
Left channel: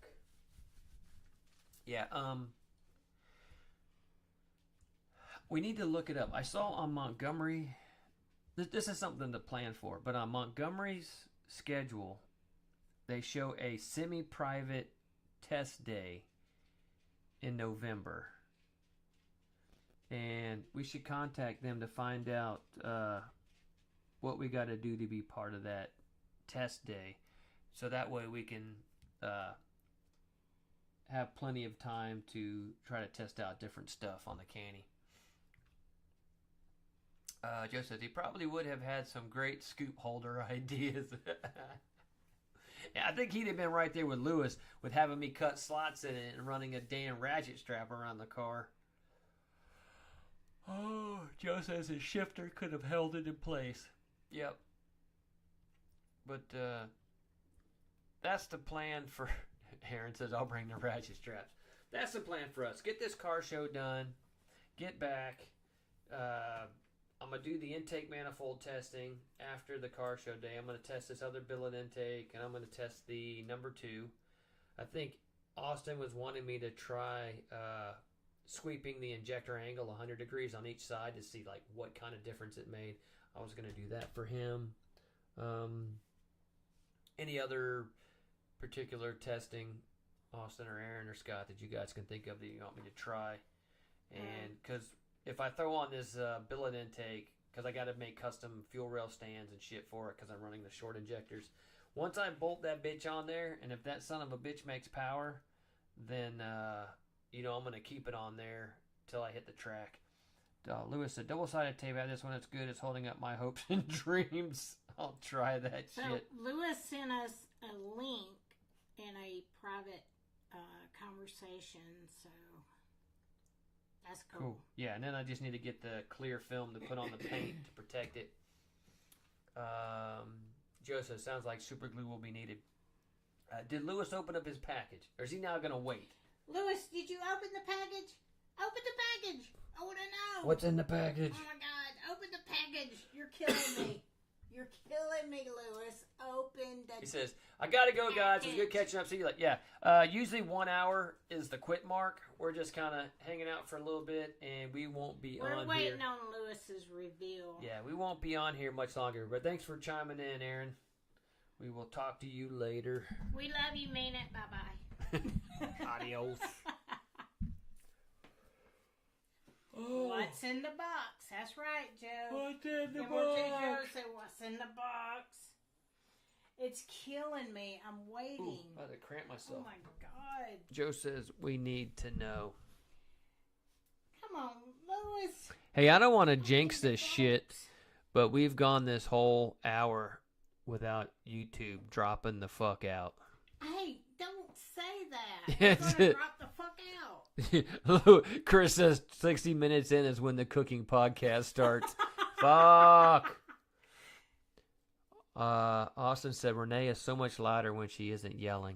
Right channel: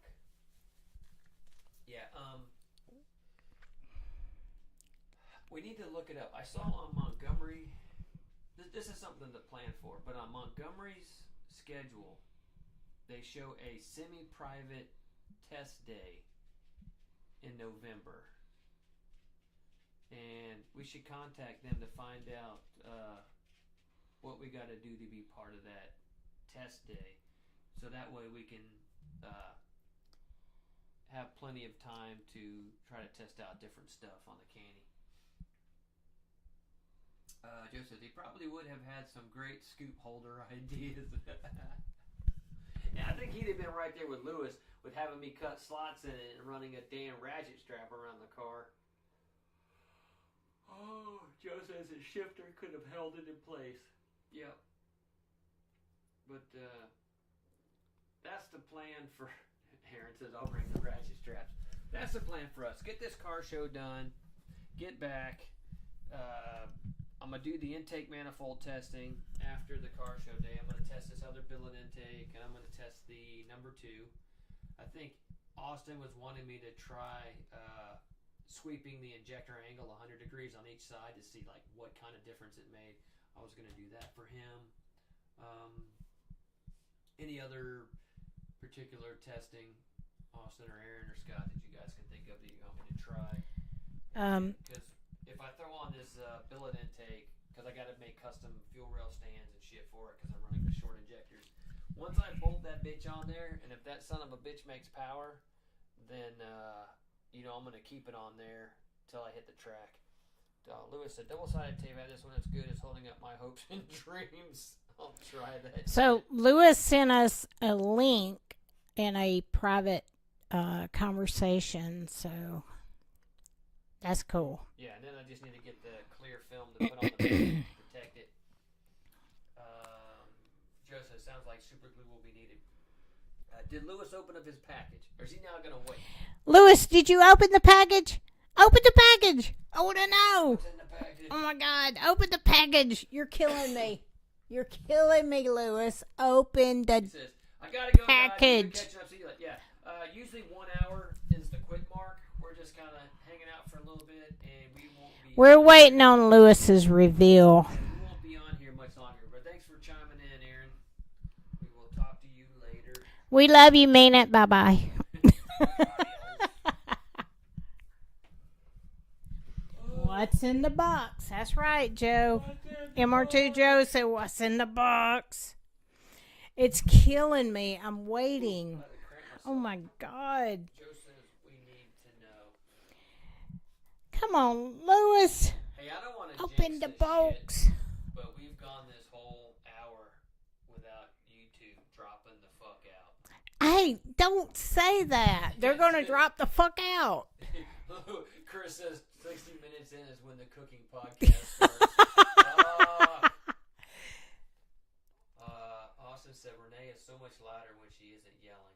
Yeah. We need to look it up. I saw on Montgomery. This is something to plan for, but on Montgomery's schedule, they show a semi-private test day in November. And we should contact them to find out what we got to do to be part of that test day. So that way we can have plenty of time to try to test out different stuff on the Canny. Joe says he probably would have had some great scoop holder ideas. Yeah, I think he'd have been right there with Lewis with having me cut slots in it and running a damn ratchet strap around the car. Oh, Joe says his shifter could have held it in place. Yep. But that's the plan for... Aaron says, I'll bring the ratchet straps. That's the plan for us. Get this car show done. Get back. I'm going to do the intake manifold testing after the car show day. I'm going to test this other billet intake, and I'm going to test the number 2. I think Austin was wanting me to try sweeping the injector angle 100 degrees on each side to see like what kind of difference it made. I was going to do that for him. Any other particular testing, Austin or Aaron or Scott, that you guys can think of that you want me to try? Because if I throw on this billet intake, because I got to make custom fuel rail stands and shit for it because I'm running the short injectors. Once I bolt that bitch on there, and if that son of a bitch makes power, then I'm going to keep it on there till I hit the track. Lewis said, double-sided tape out this one. It's good. It's holding up my hopes and dreams. I'll try that. So shit. Lewis sent us a link in a private conversation, so that's cool. Yeah, and then I just need to get the clear film to put on the bed to protect it. Joseph, sounds like super glue will be needed. Did Lewis open up his package, or is he now going to wait? Lewis, did you open the package? Open the package. I want to know. What's in the package? Oh, my God. Open the package. You're killing me. You're killing me, Lewis. Open the He says, I got to go, guys. package. You're catching up. See you later. Yeah. Usually 1 hour is the quit mark. We're just kind of hanging out for a little bit, and we won't be... We're waiting on Lewis's reveal. Yeah, we won't be on here much longer. But thanks for chiming in, Aaron. We will talk to you later. We love you, mean it. Bye-bye. Adios. What's in the box? That's right, Joe. MR2 Joe said, what's in the box? It's killing me. I'm waiting. I had to cramp myself. Oh, my God. Joe says we need to know. Come on, Lewis. Hey, I don't want to jinx Open the this shit, box. but we've gone this whole hour without YouTube dropping the fuck out. Hey, don't say that. They're going to drop the fuck out. Chris says 60 minutes in is when the cooking podcast starts. Fuck. Austin said Renee is so much louder when she isn't yelling.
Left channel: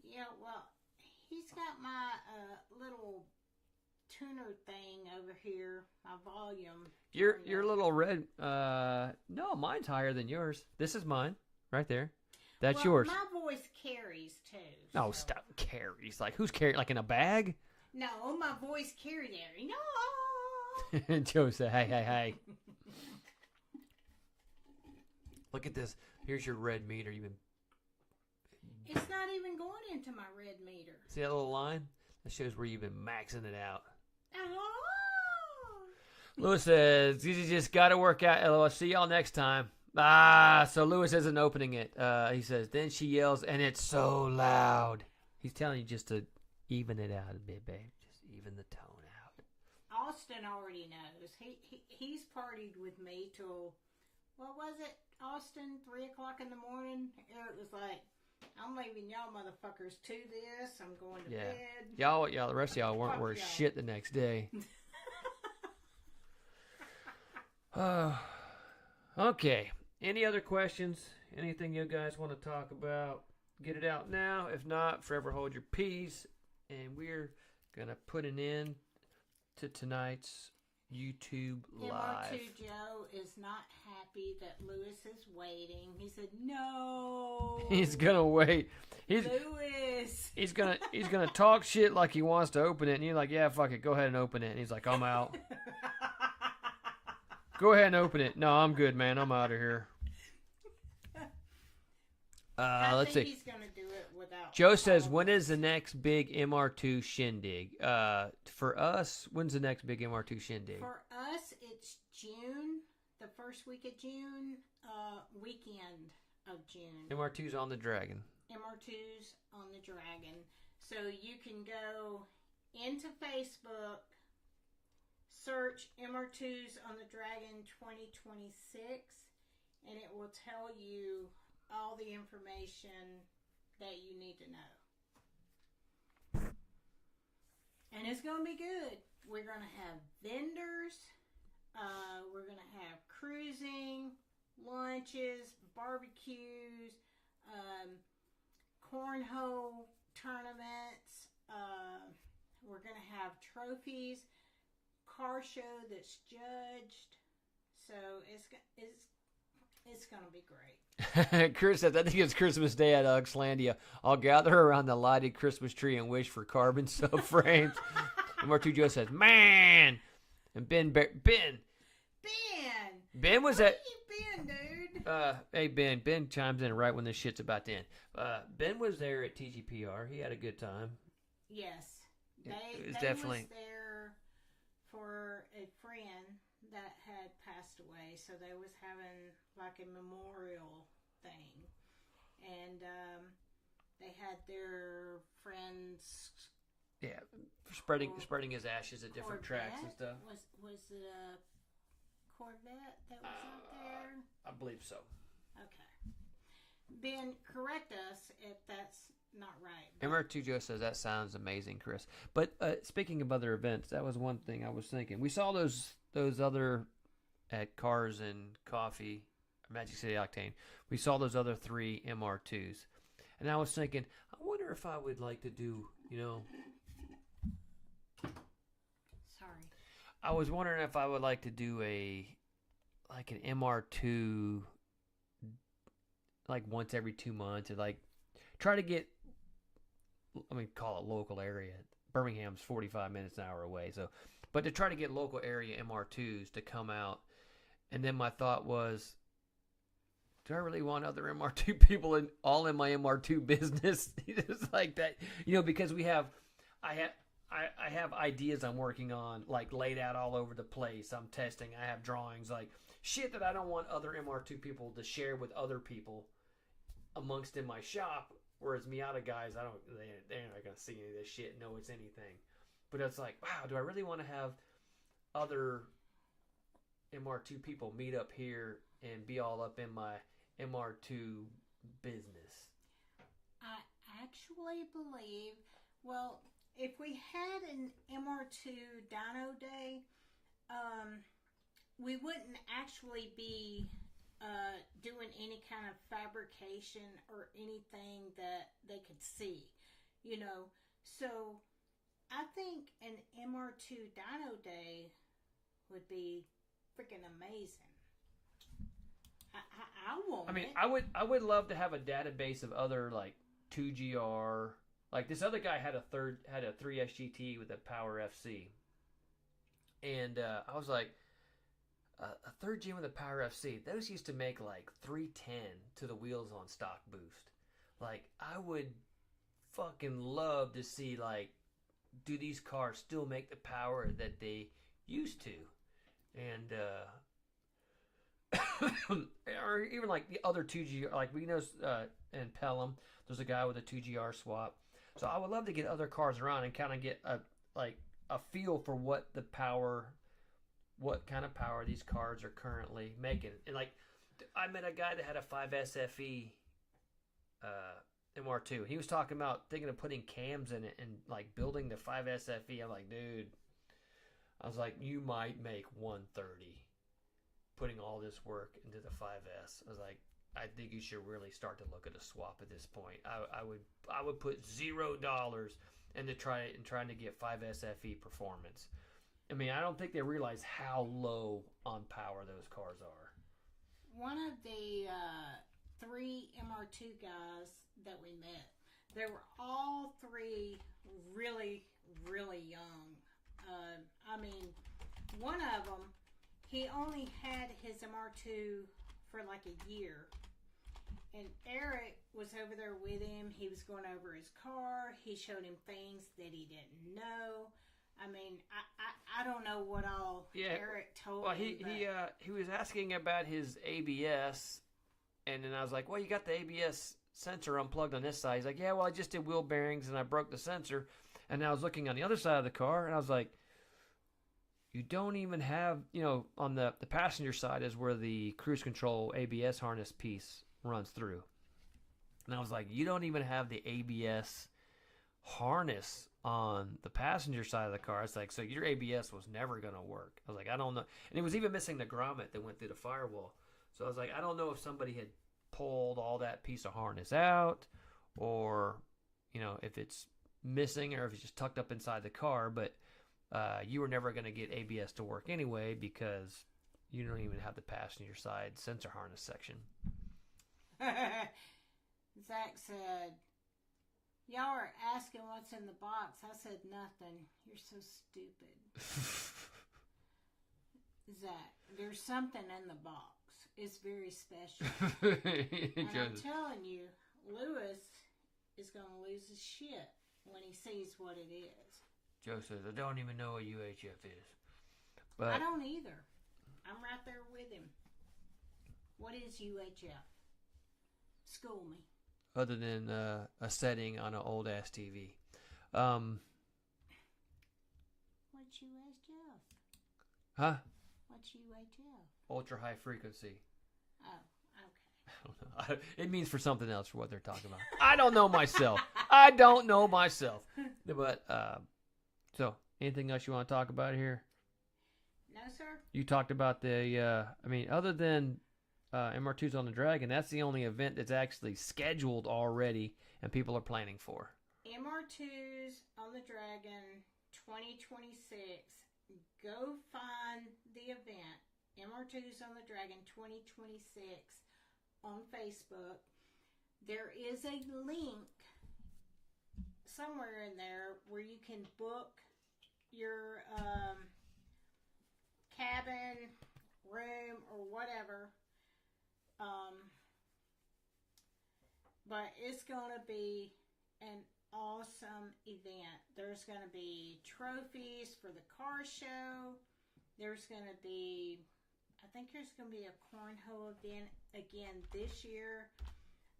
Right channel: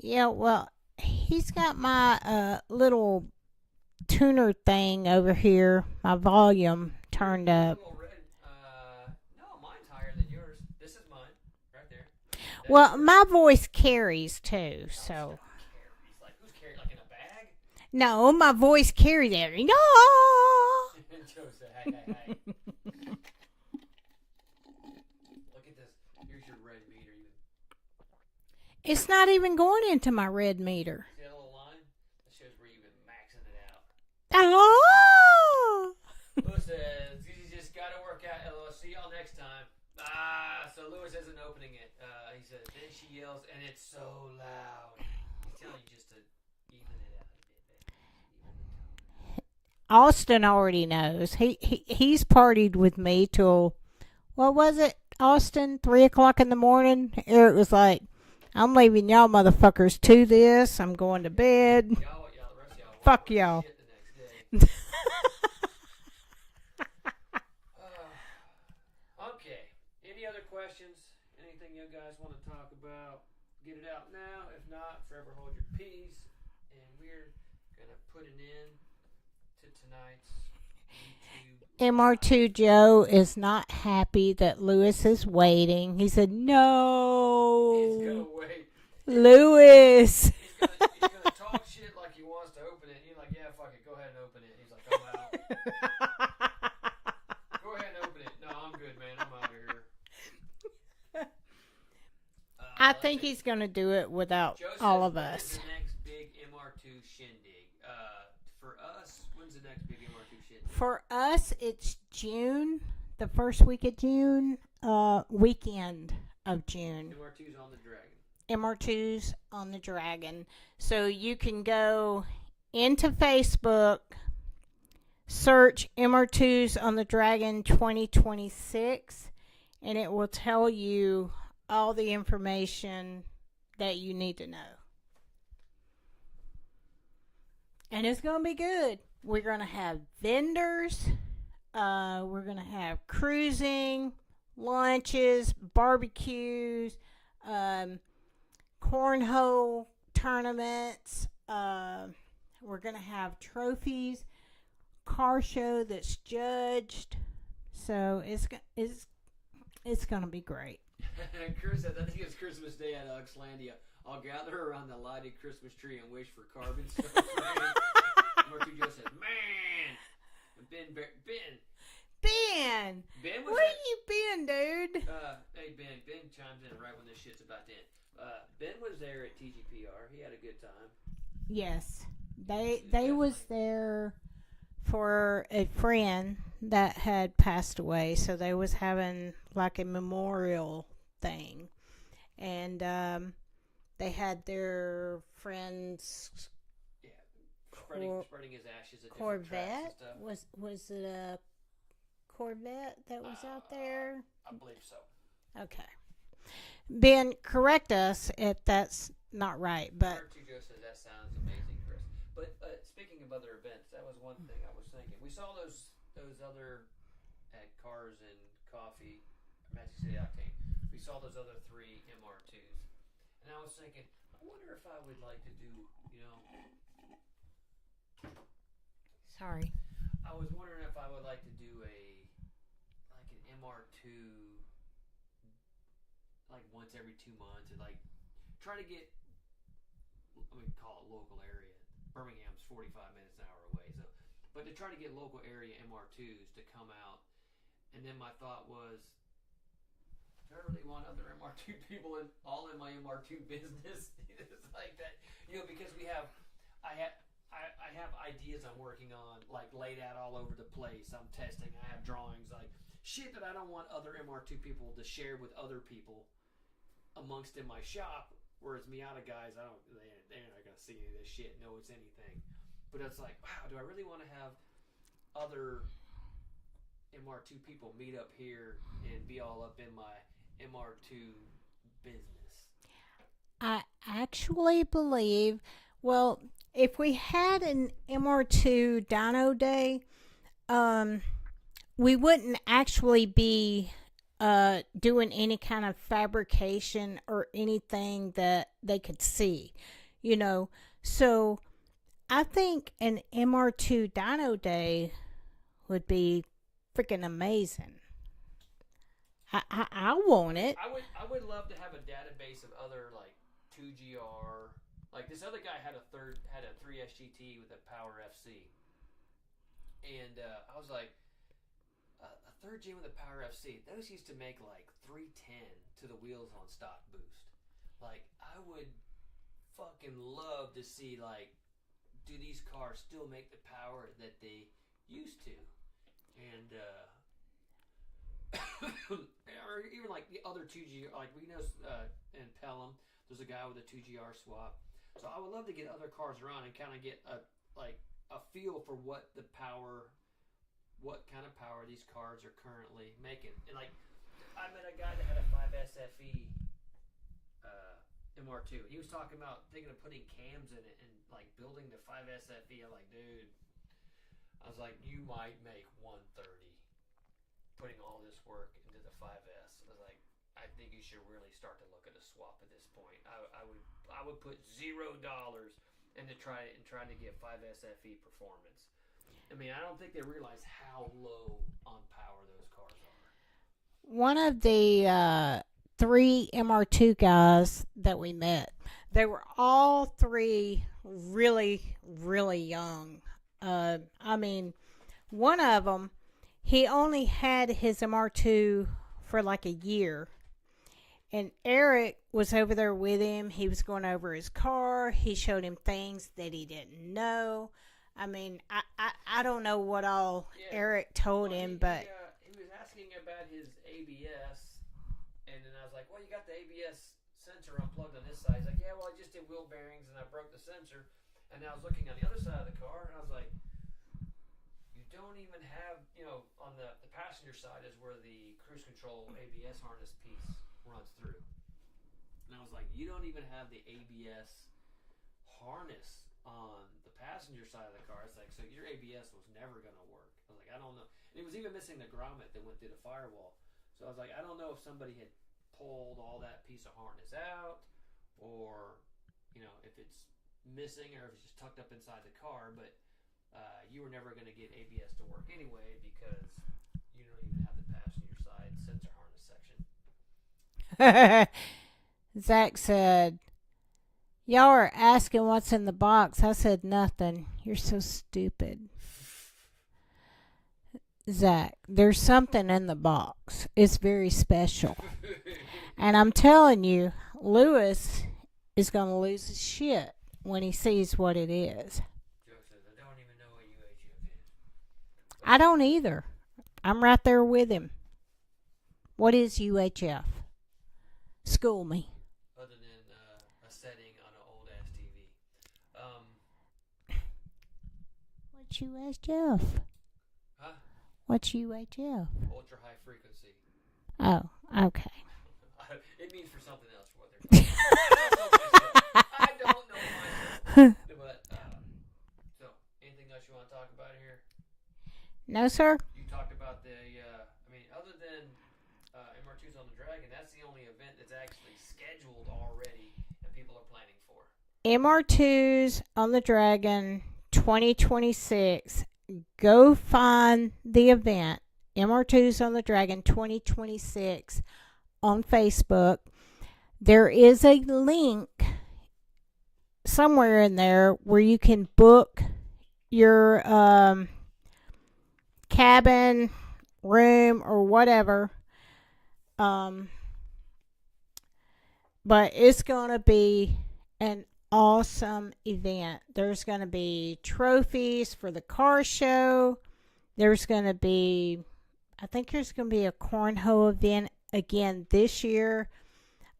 Yeah, well, he's got my little tuner thing over here, my volume turned your up. little red, no, mine's higher than yours. This is mine, right there. That's Well, yours. my voice carries too. Oh, So stop. Carries. Like, who's carrying? Like in a bag? no, my voice carries every. No. Joe said, hey. Look at this. Here's your red meter. You've been It's not even going into my red meter. see that little line? That shows where you've been maxing it out. Oh. Lewis says, you just got to work out. LOL. See y'all next time. So Lewis isn't opening it. He says, then she yells, and it's so loud. He's telling you just to even it out a bit, babe. Just even the tone out. Austin already knows. He's partied with me till, what was it, Austin? 3 o'clock in the morning. Eric was like, I'm leaving y'all motherfuckers to this. I'm going to Yeah. bed. Y'all, the rest of y'all weren't Fuck worth y'all. shit the next day. Okay. Any other questions? Anything you guys want to talk about? Get it out now. If not, forever hold your peace. And we're going to put an end to tonight's YouTube Live. MR2 Joe is not happy that Lewis is waiting. He said, no. He's going to wait. Lewis. He's gonna talk shit like he wants to open it, and you're like, yeah, fuck it, go ahead and open it. And he's like, I'm out. Go ahead and open it. No, I'm good, man. I'm out of here. I let's think see. he's going to do it without Joe all says, of when us. is the next big MR2 shindig? For us, when's the next big MR2 shindig? For us, it's June, the first week of June, weekend of June. MR2's on the Dragon. MR2's on the Dragon. So you can go into Facebook, search MR2's on the Dragon 2026, and it will tell you all the information that you need to know. And it's going to be good. We're going to have vendors. We're going to have cruising, lunches, barbecues, cornhole tournaments. We're going to have trophies, car show that's judged. So it's going to be great. Chris says, I think it's Christmas Day at Uxlandia. I'll gather around the lighted Christmas tree and wish for carbon cell frames. MR2 Joe says, man. And Ben was Where at... you been, dude? Hey, Ben chimes in right when this shit's about to end. Ben was there at TGPR. He had a good time. Yes. It They was definitely- there for a friend that had passed away, so they was having like a memorial thing. And they had their friends Yeah, spreading his ashes at different tracks and Corvette. stuff. Was it a Corvette that was out there? I believe so. Okay. Ben, correct us if that's not right. But MR2 Joe says, that sounds amazing, Chris. But speaking of other events, that was one thing I was thinking. We saw those other at Cars and Coffee, Magic City Octane. We saw those other 3 MR2s. And I was thinking, I wonder if I would like to do, sorry. I was wondering if I would like to do an MR2 like once every 2 months, and like try to get, call it local area. Birmingham's 45 minutes an hour away, so but to try to get local area MR2s to come out. And then my thought was, do I really want other MR2 people all in my MR2 business? It's like that, because I I have ideas I'm working on, like laid out all over the place. I'm testing. I have drawings, like shit that I don't want other MR2 people to share with other people amongst in my shop. Whereas Miata guys, they're not gonna see any of this shit, know it's anything. But it's like, wow, do I really want to have other MR2 people meet up here and be all up in my MR2 business? I actually believe, well, if we had an MR2 Dyno Day, we wouldn't actually be doing any kind of fabrication or anything that they could see, you know. So I think an MR2 Dyno Day would be freaking amazing. I want it. I would love to have a database of other like 2GR. Like this other guy had a 3SGT with a Power FC, and I was like, a third gen with a Power FC. Those used to make like 310 to the wheels on stock boost. Like I would fucking love to see like, do these cars still make the power that they used to, and or even like the other 2G, like we know in Pelham, there's a guy with a 2GR swap. So I would love to get other cars around and kind of get a feel for what kind of power these cars are currently making. And like, I met a guy that had a 5SFE MR2. He was talking about thinking of putting cams in it and like building the 5SFE. I'm like, dude, I was like, you might make 130 putting all this work into the 5S. I was like, I think you should really start to look at a swap at this point. I would put $0 into trying to get 5SFE performance. I mean, I don't think they realize how low on power those cars are. One of the 3 MR2 guys that we met, they were all 3 really, really young. I mean, one of them, he only had his MR2 for like a year. And Eric was over there with him. He was going over his car. He showed him things that he didn't know. I mean, I don't know what all Eric told him, but he was asking about his ABS, and then I was like, well, you got the ABS sensor unplugged on this side. He's like, yeah, well, I just did wheel bearings, and I broke the sensor. And I was looking on the other side of the car, and I was like, you don't even have, on the passenger side is where the cruise control ABS harness piece runs through. And I was like, you don't even have the ABS harness on the passenger side of the car. It's like, so your ABS was never going to work. I was like, I don't know. And it was even missing the grommet that went through the firewall. So I was like, I don't know if somebody had pulled all that piece of harness out, or, if it's missing, or if it's just tucked up inside the car. But you were never going to get ABS to work anyway, because you don't even have the passenger side sensor harness section. Zach said, y'all are asking what's in the box. I said nothing. You're so stupid. Zach, there's something in the box. It's very special. And I'm telling you, Lewis is going to lose his shit when he sees what it is. Joe says, I don't even know what UHF is. But I don't either. I'm right there with him. What is UHF? School me. Other than a setting on an old ass TV. What's UHF? Huh? What's UHF? Ultra high frequency. Oh, okay. It means for something else for what they're talking about. I don't know myself. But, so, anything else you want to talk about here? No, sir. You talked about other than MR2's on the Dragon, that's the only event that's actually scheduled already and people are planning for. MR2's on the Dragon 2026. Go find the event, MR2's on the Dragon 2026, on Facebook. There is a link somewhere in there where you can book your cabin, room, or whatever. But it's going to be an awesome event. There's going to be trophies for the car show. There's going to be, I think there's going to be a cornhole event again this year.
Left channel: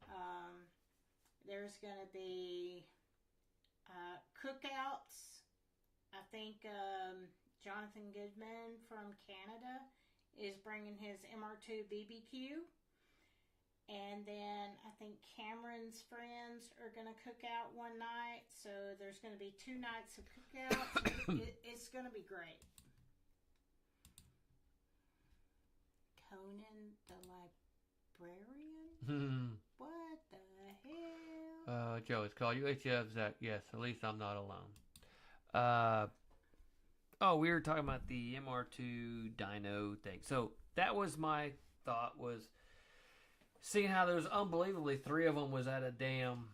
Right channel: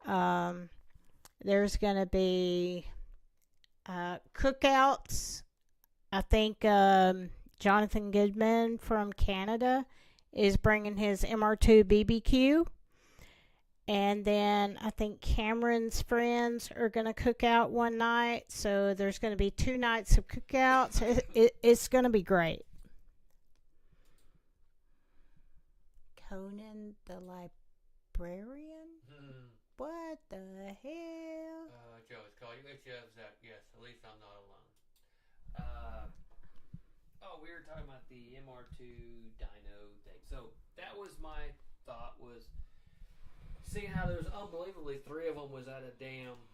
There's going to be cookouts. I think Jonathan Goodman from Canada is bringing his MR2 BBQ. And then I think Cameron's friends are going to cook out one night. So there's going to be 2 nights of cookouts. It's going to be great. Conan the Librarian? What the hell? Joe, it's called UHF Zach. Yes, at least I'm not alone. We were talking about the MR2 dyno thing. So that was my thought, was seeing how there was unbelievably 3 of them was at a damn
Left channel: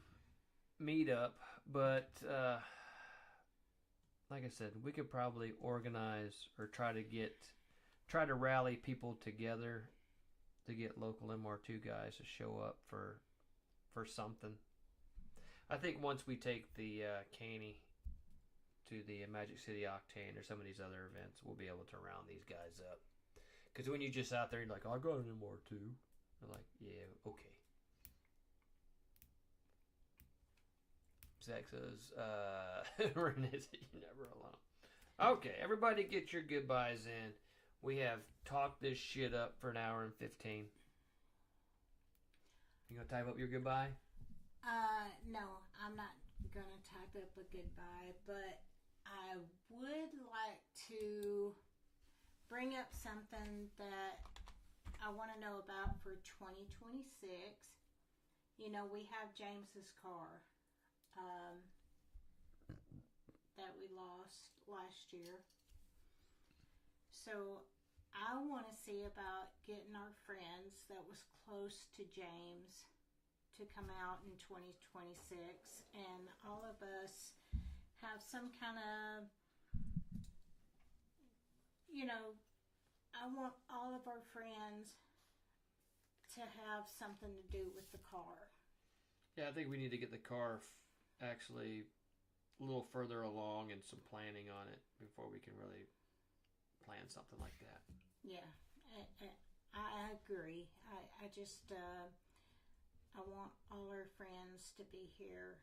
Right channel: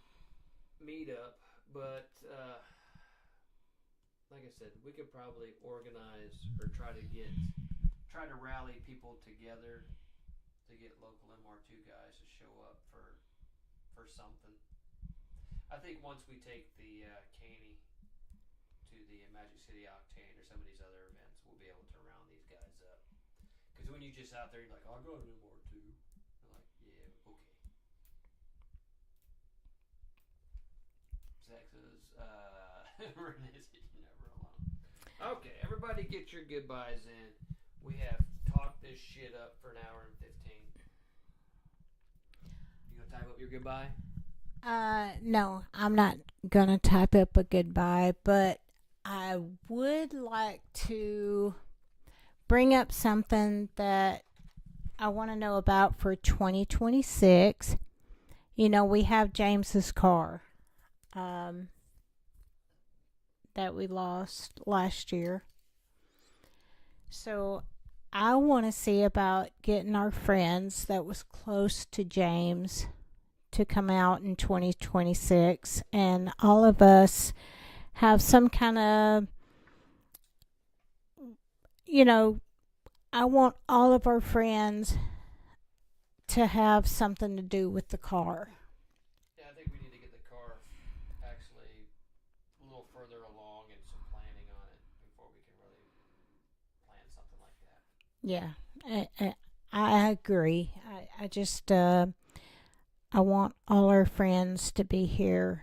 meetup. But like I said, we could probably organize or try to rally people together to get local MR2 guys to show up for something. I think once we take the Caney to the Magic City Octane or some of these other events, we'll be able to round these guys up. Because when you're just out there, you're like, oh, I got an MR2. They're like, yeah, okay. Zach says, Renee said, you're never alone. Okay, everybody get your goodbyes in. We have talked this shit up for an hour and 15. You gonna type up your goodbye? No, I'm not gonna type up a goodbye, but I would like to bring up something that I want to know about for 2026. You know, we have James's car that we lost last year. So I want to see about getting our friends that was close to James to come out in 2026, and all of us have some kind of, you know, I want all of our friends to have something to do with the car. Yeah, I think we need to get the car actually a little further along and some planning on it before we can really plan something like that. Yeah, I agree. I just, I want all our friends to be here.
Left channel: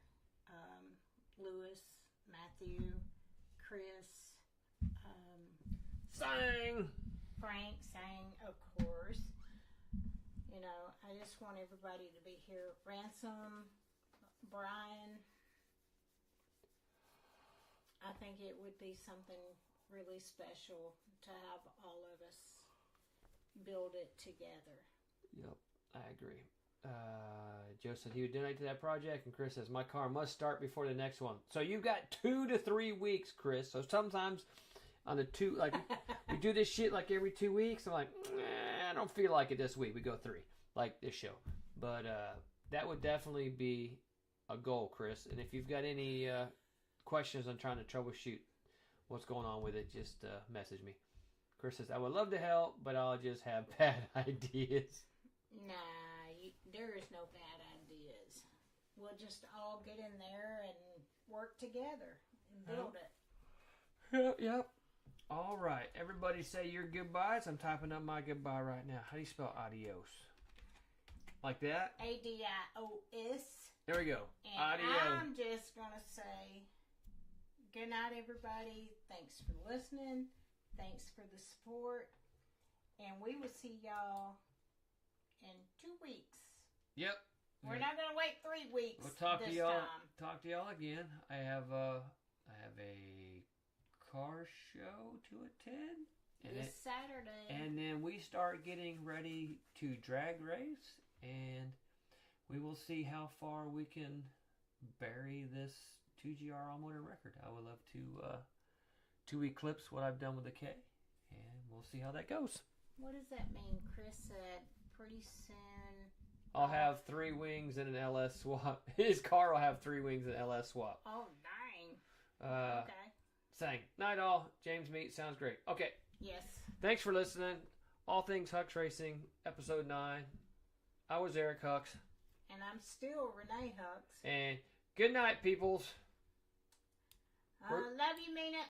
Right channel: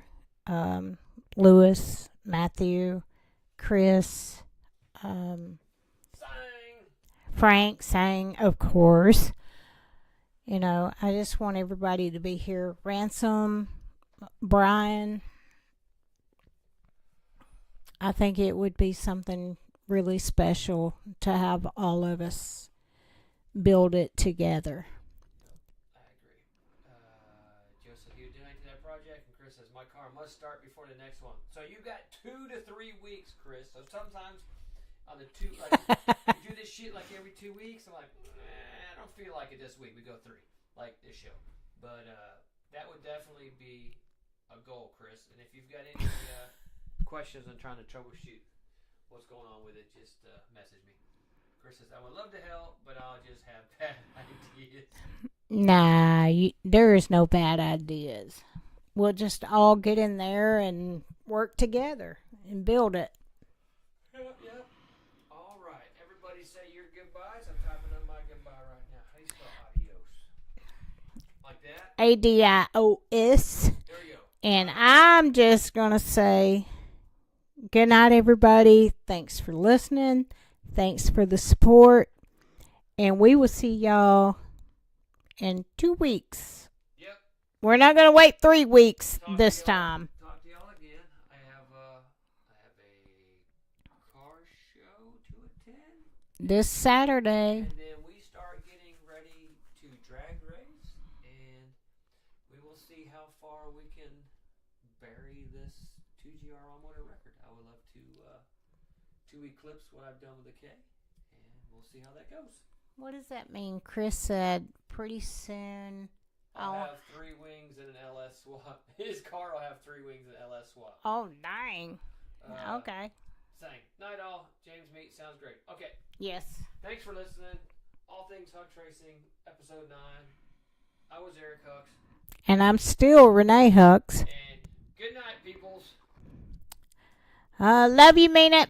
Lewis, Matthew, Chris, Frank sang, of course. You know, I just want everybody to be here. Ransom, Brian. I think it would be something really special to have all of us build it together. Yep, I agree. Joseph, he would donate to that project, and Chris says, my car must start before the next one. So you've got 2 to 3 weeks, Chris. So sometimes on the 2, like, we do this shit like every 2 weeks. I'm like, I don't feel like it this week. We go 3, like this show. But that would definitely be a goal, Chris. And if you've got any questions on trying to troubleshoot what's going on with it, just message me. Chris says, I would love to help, but I'll just have bad ideas. Nah, there is no bad ideas. We'll just all get in there and work together and build it. Yep. All right. Everybody say your goodbyes. I'm typing up my goodbye right now. How do you spell adios? Like that? ADIOS. There we go. And adios. I'm just going to say good night, everybody. Thanks for listening. Thanks for the support. And we will see y'all in 2 weeks. Yep. We're not going to wait 3 weeks this time. Talk to y'all again. I have a car show to attend this Saturday. And then we start getting ready to drag race, and we will see how far we can bury this 2GR on-motor record. I would love to eclipse what I've done with the K, and we'll see how that goes. What does that mean? Chris said pretty soon I'll have 3 wings and an LS swap. His car will have 3 wings and an LS swap. Oh, dang. Okay. Saying, night all. James Meat sounds great. Okay. Yes. Thanks for listening. All Things Hux Racing, episode 9. I was Eric Hux. And I'm still Renee Hux. And Good night, peoples. Love you, mean it.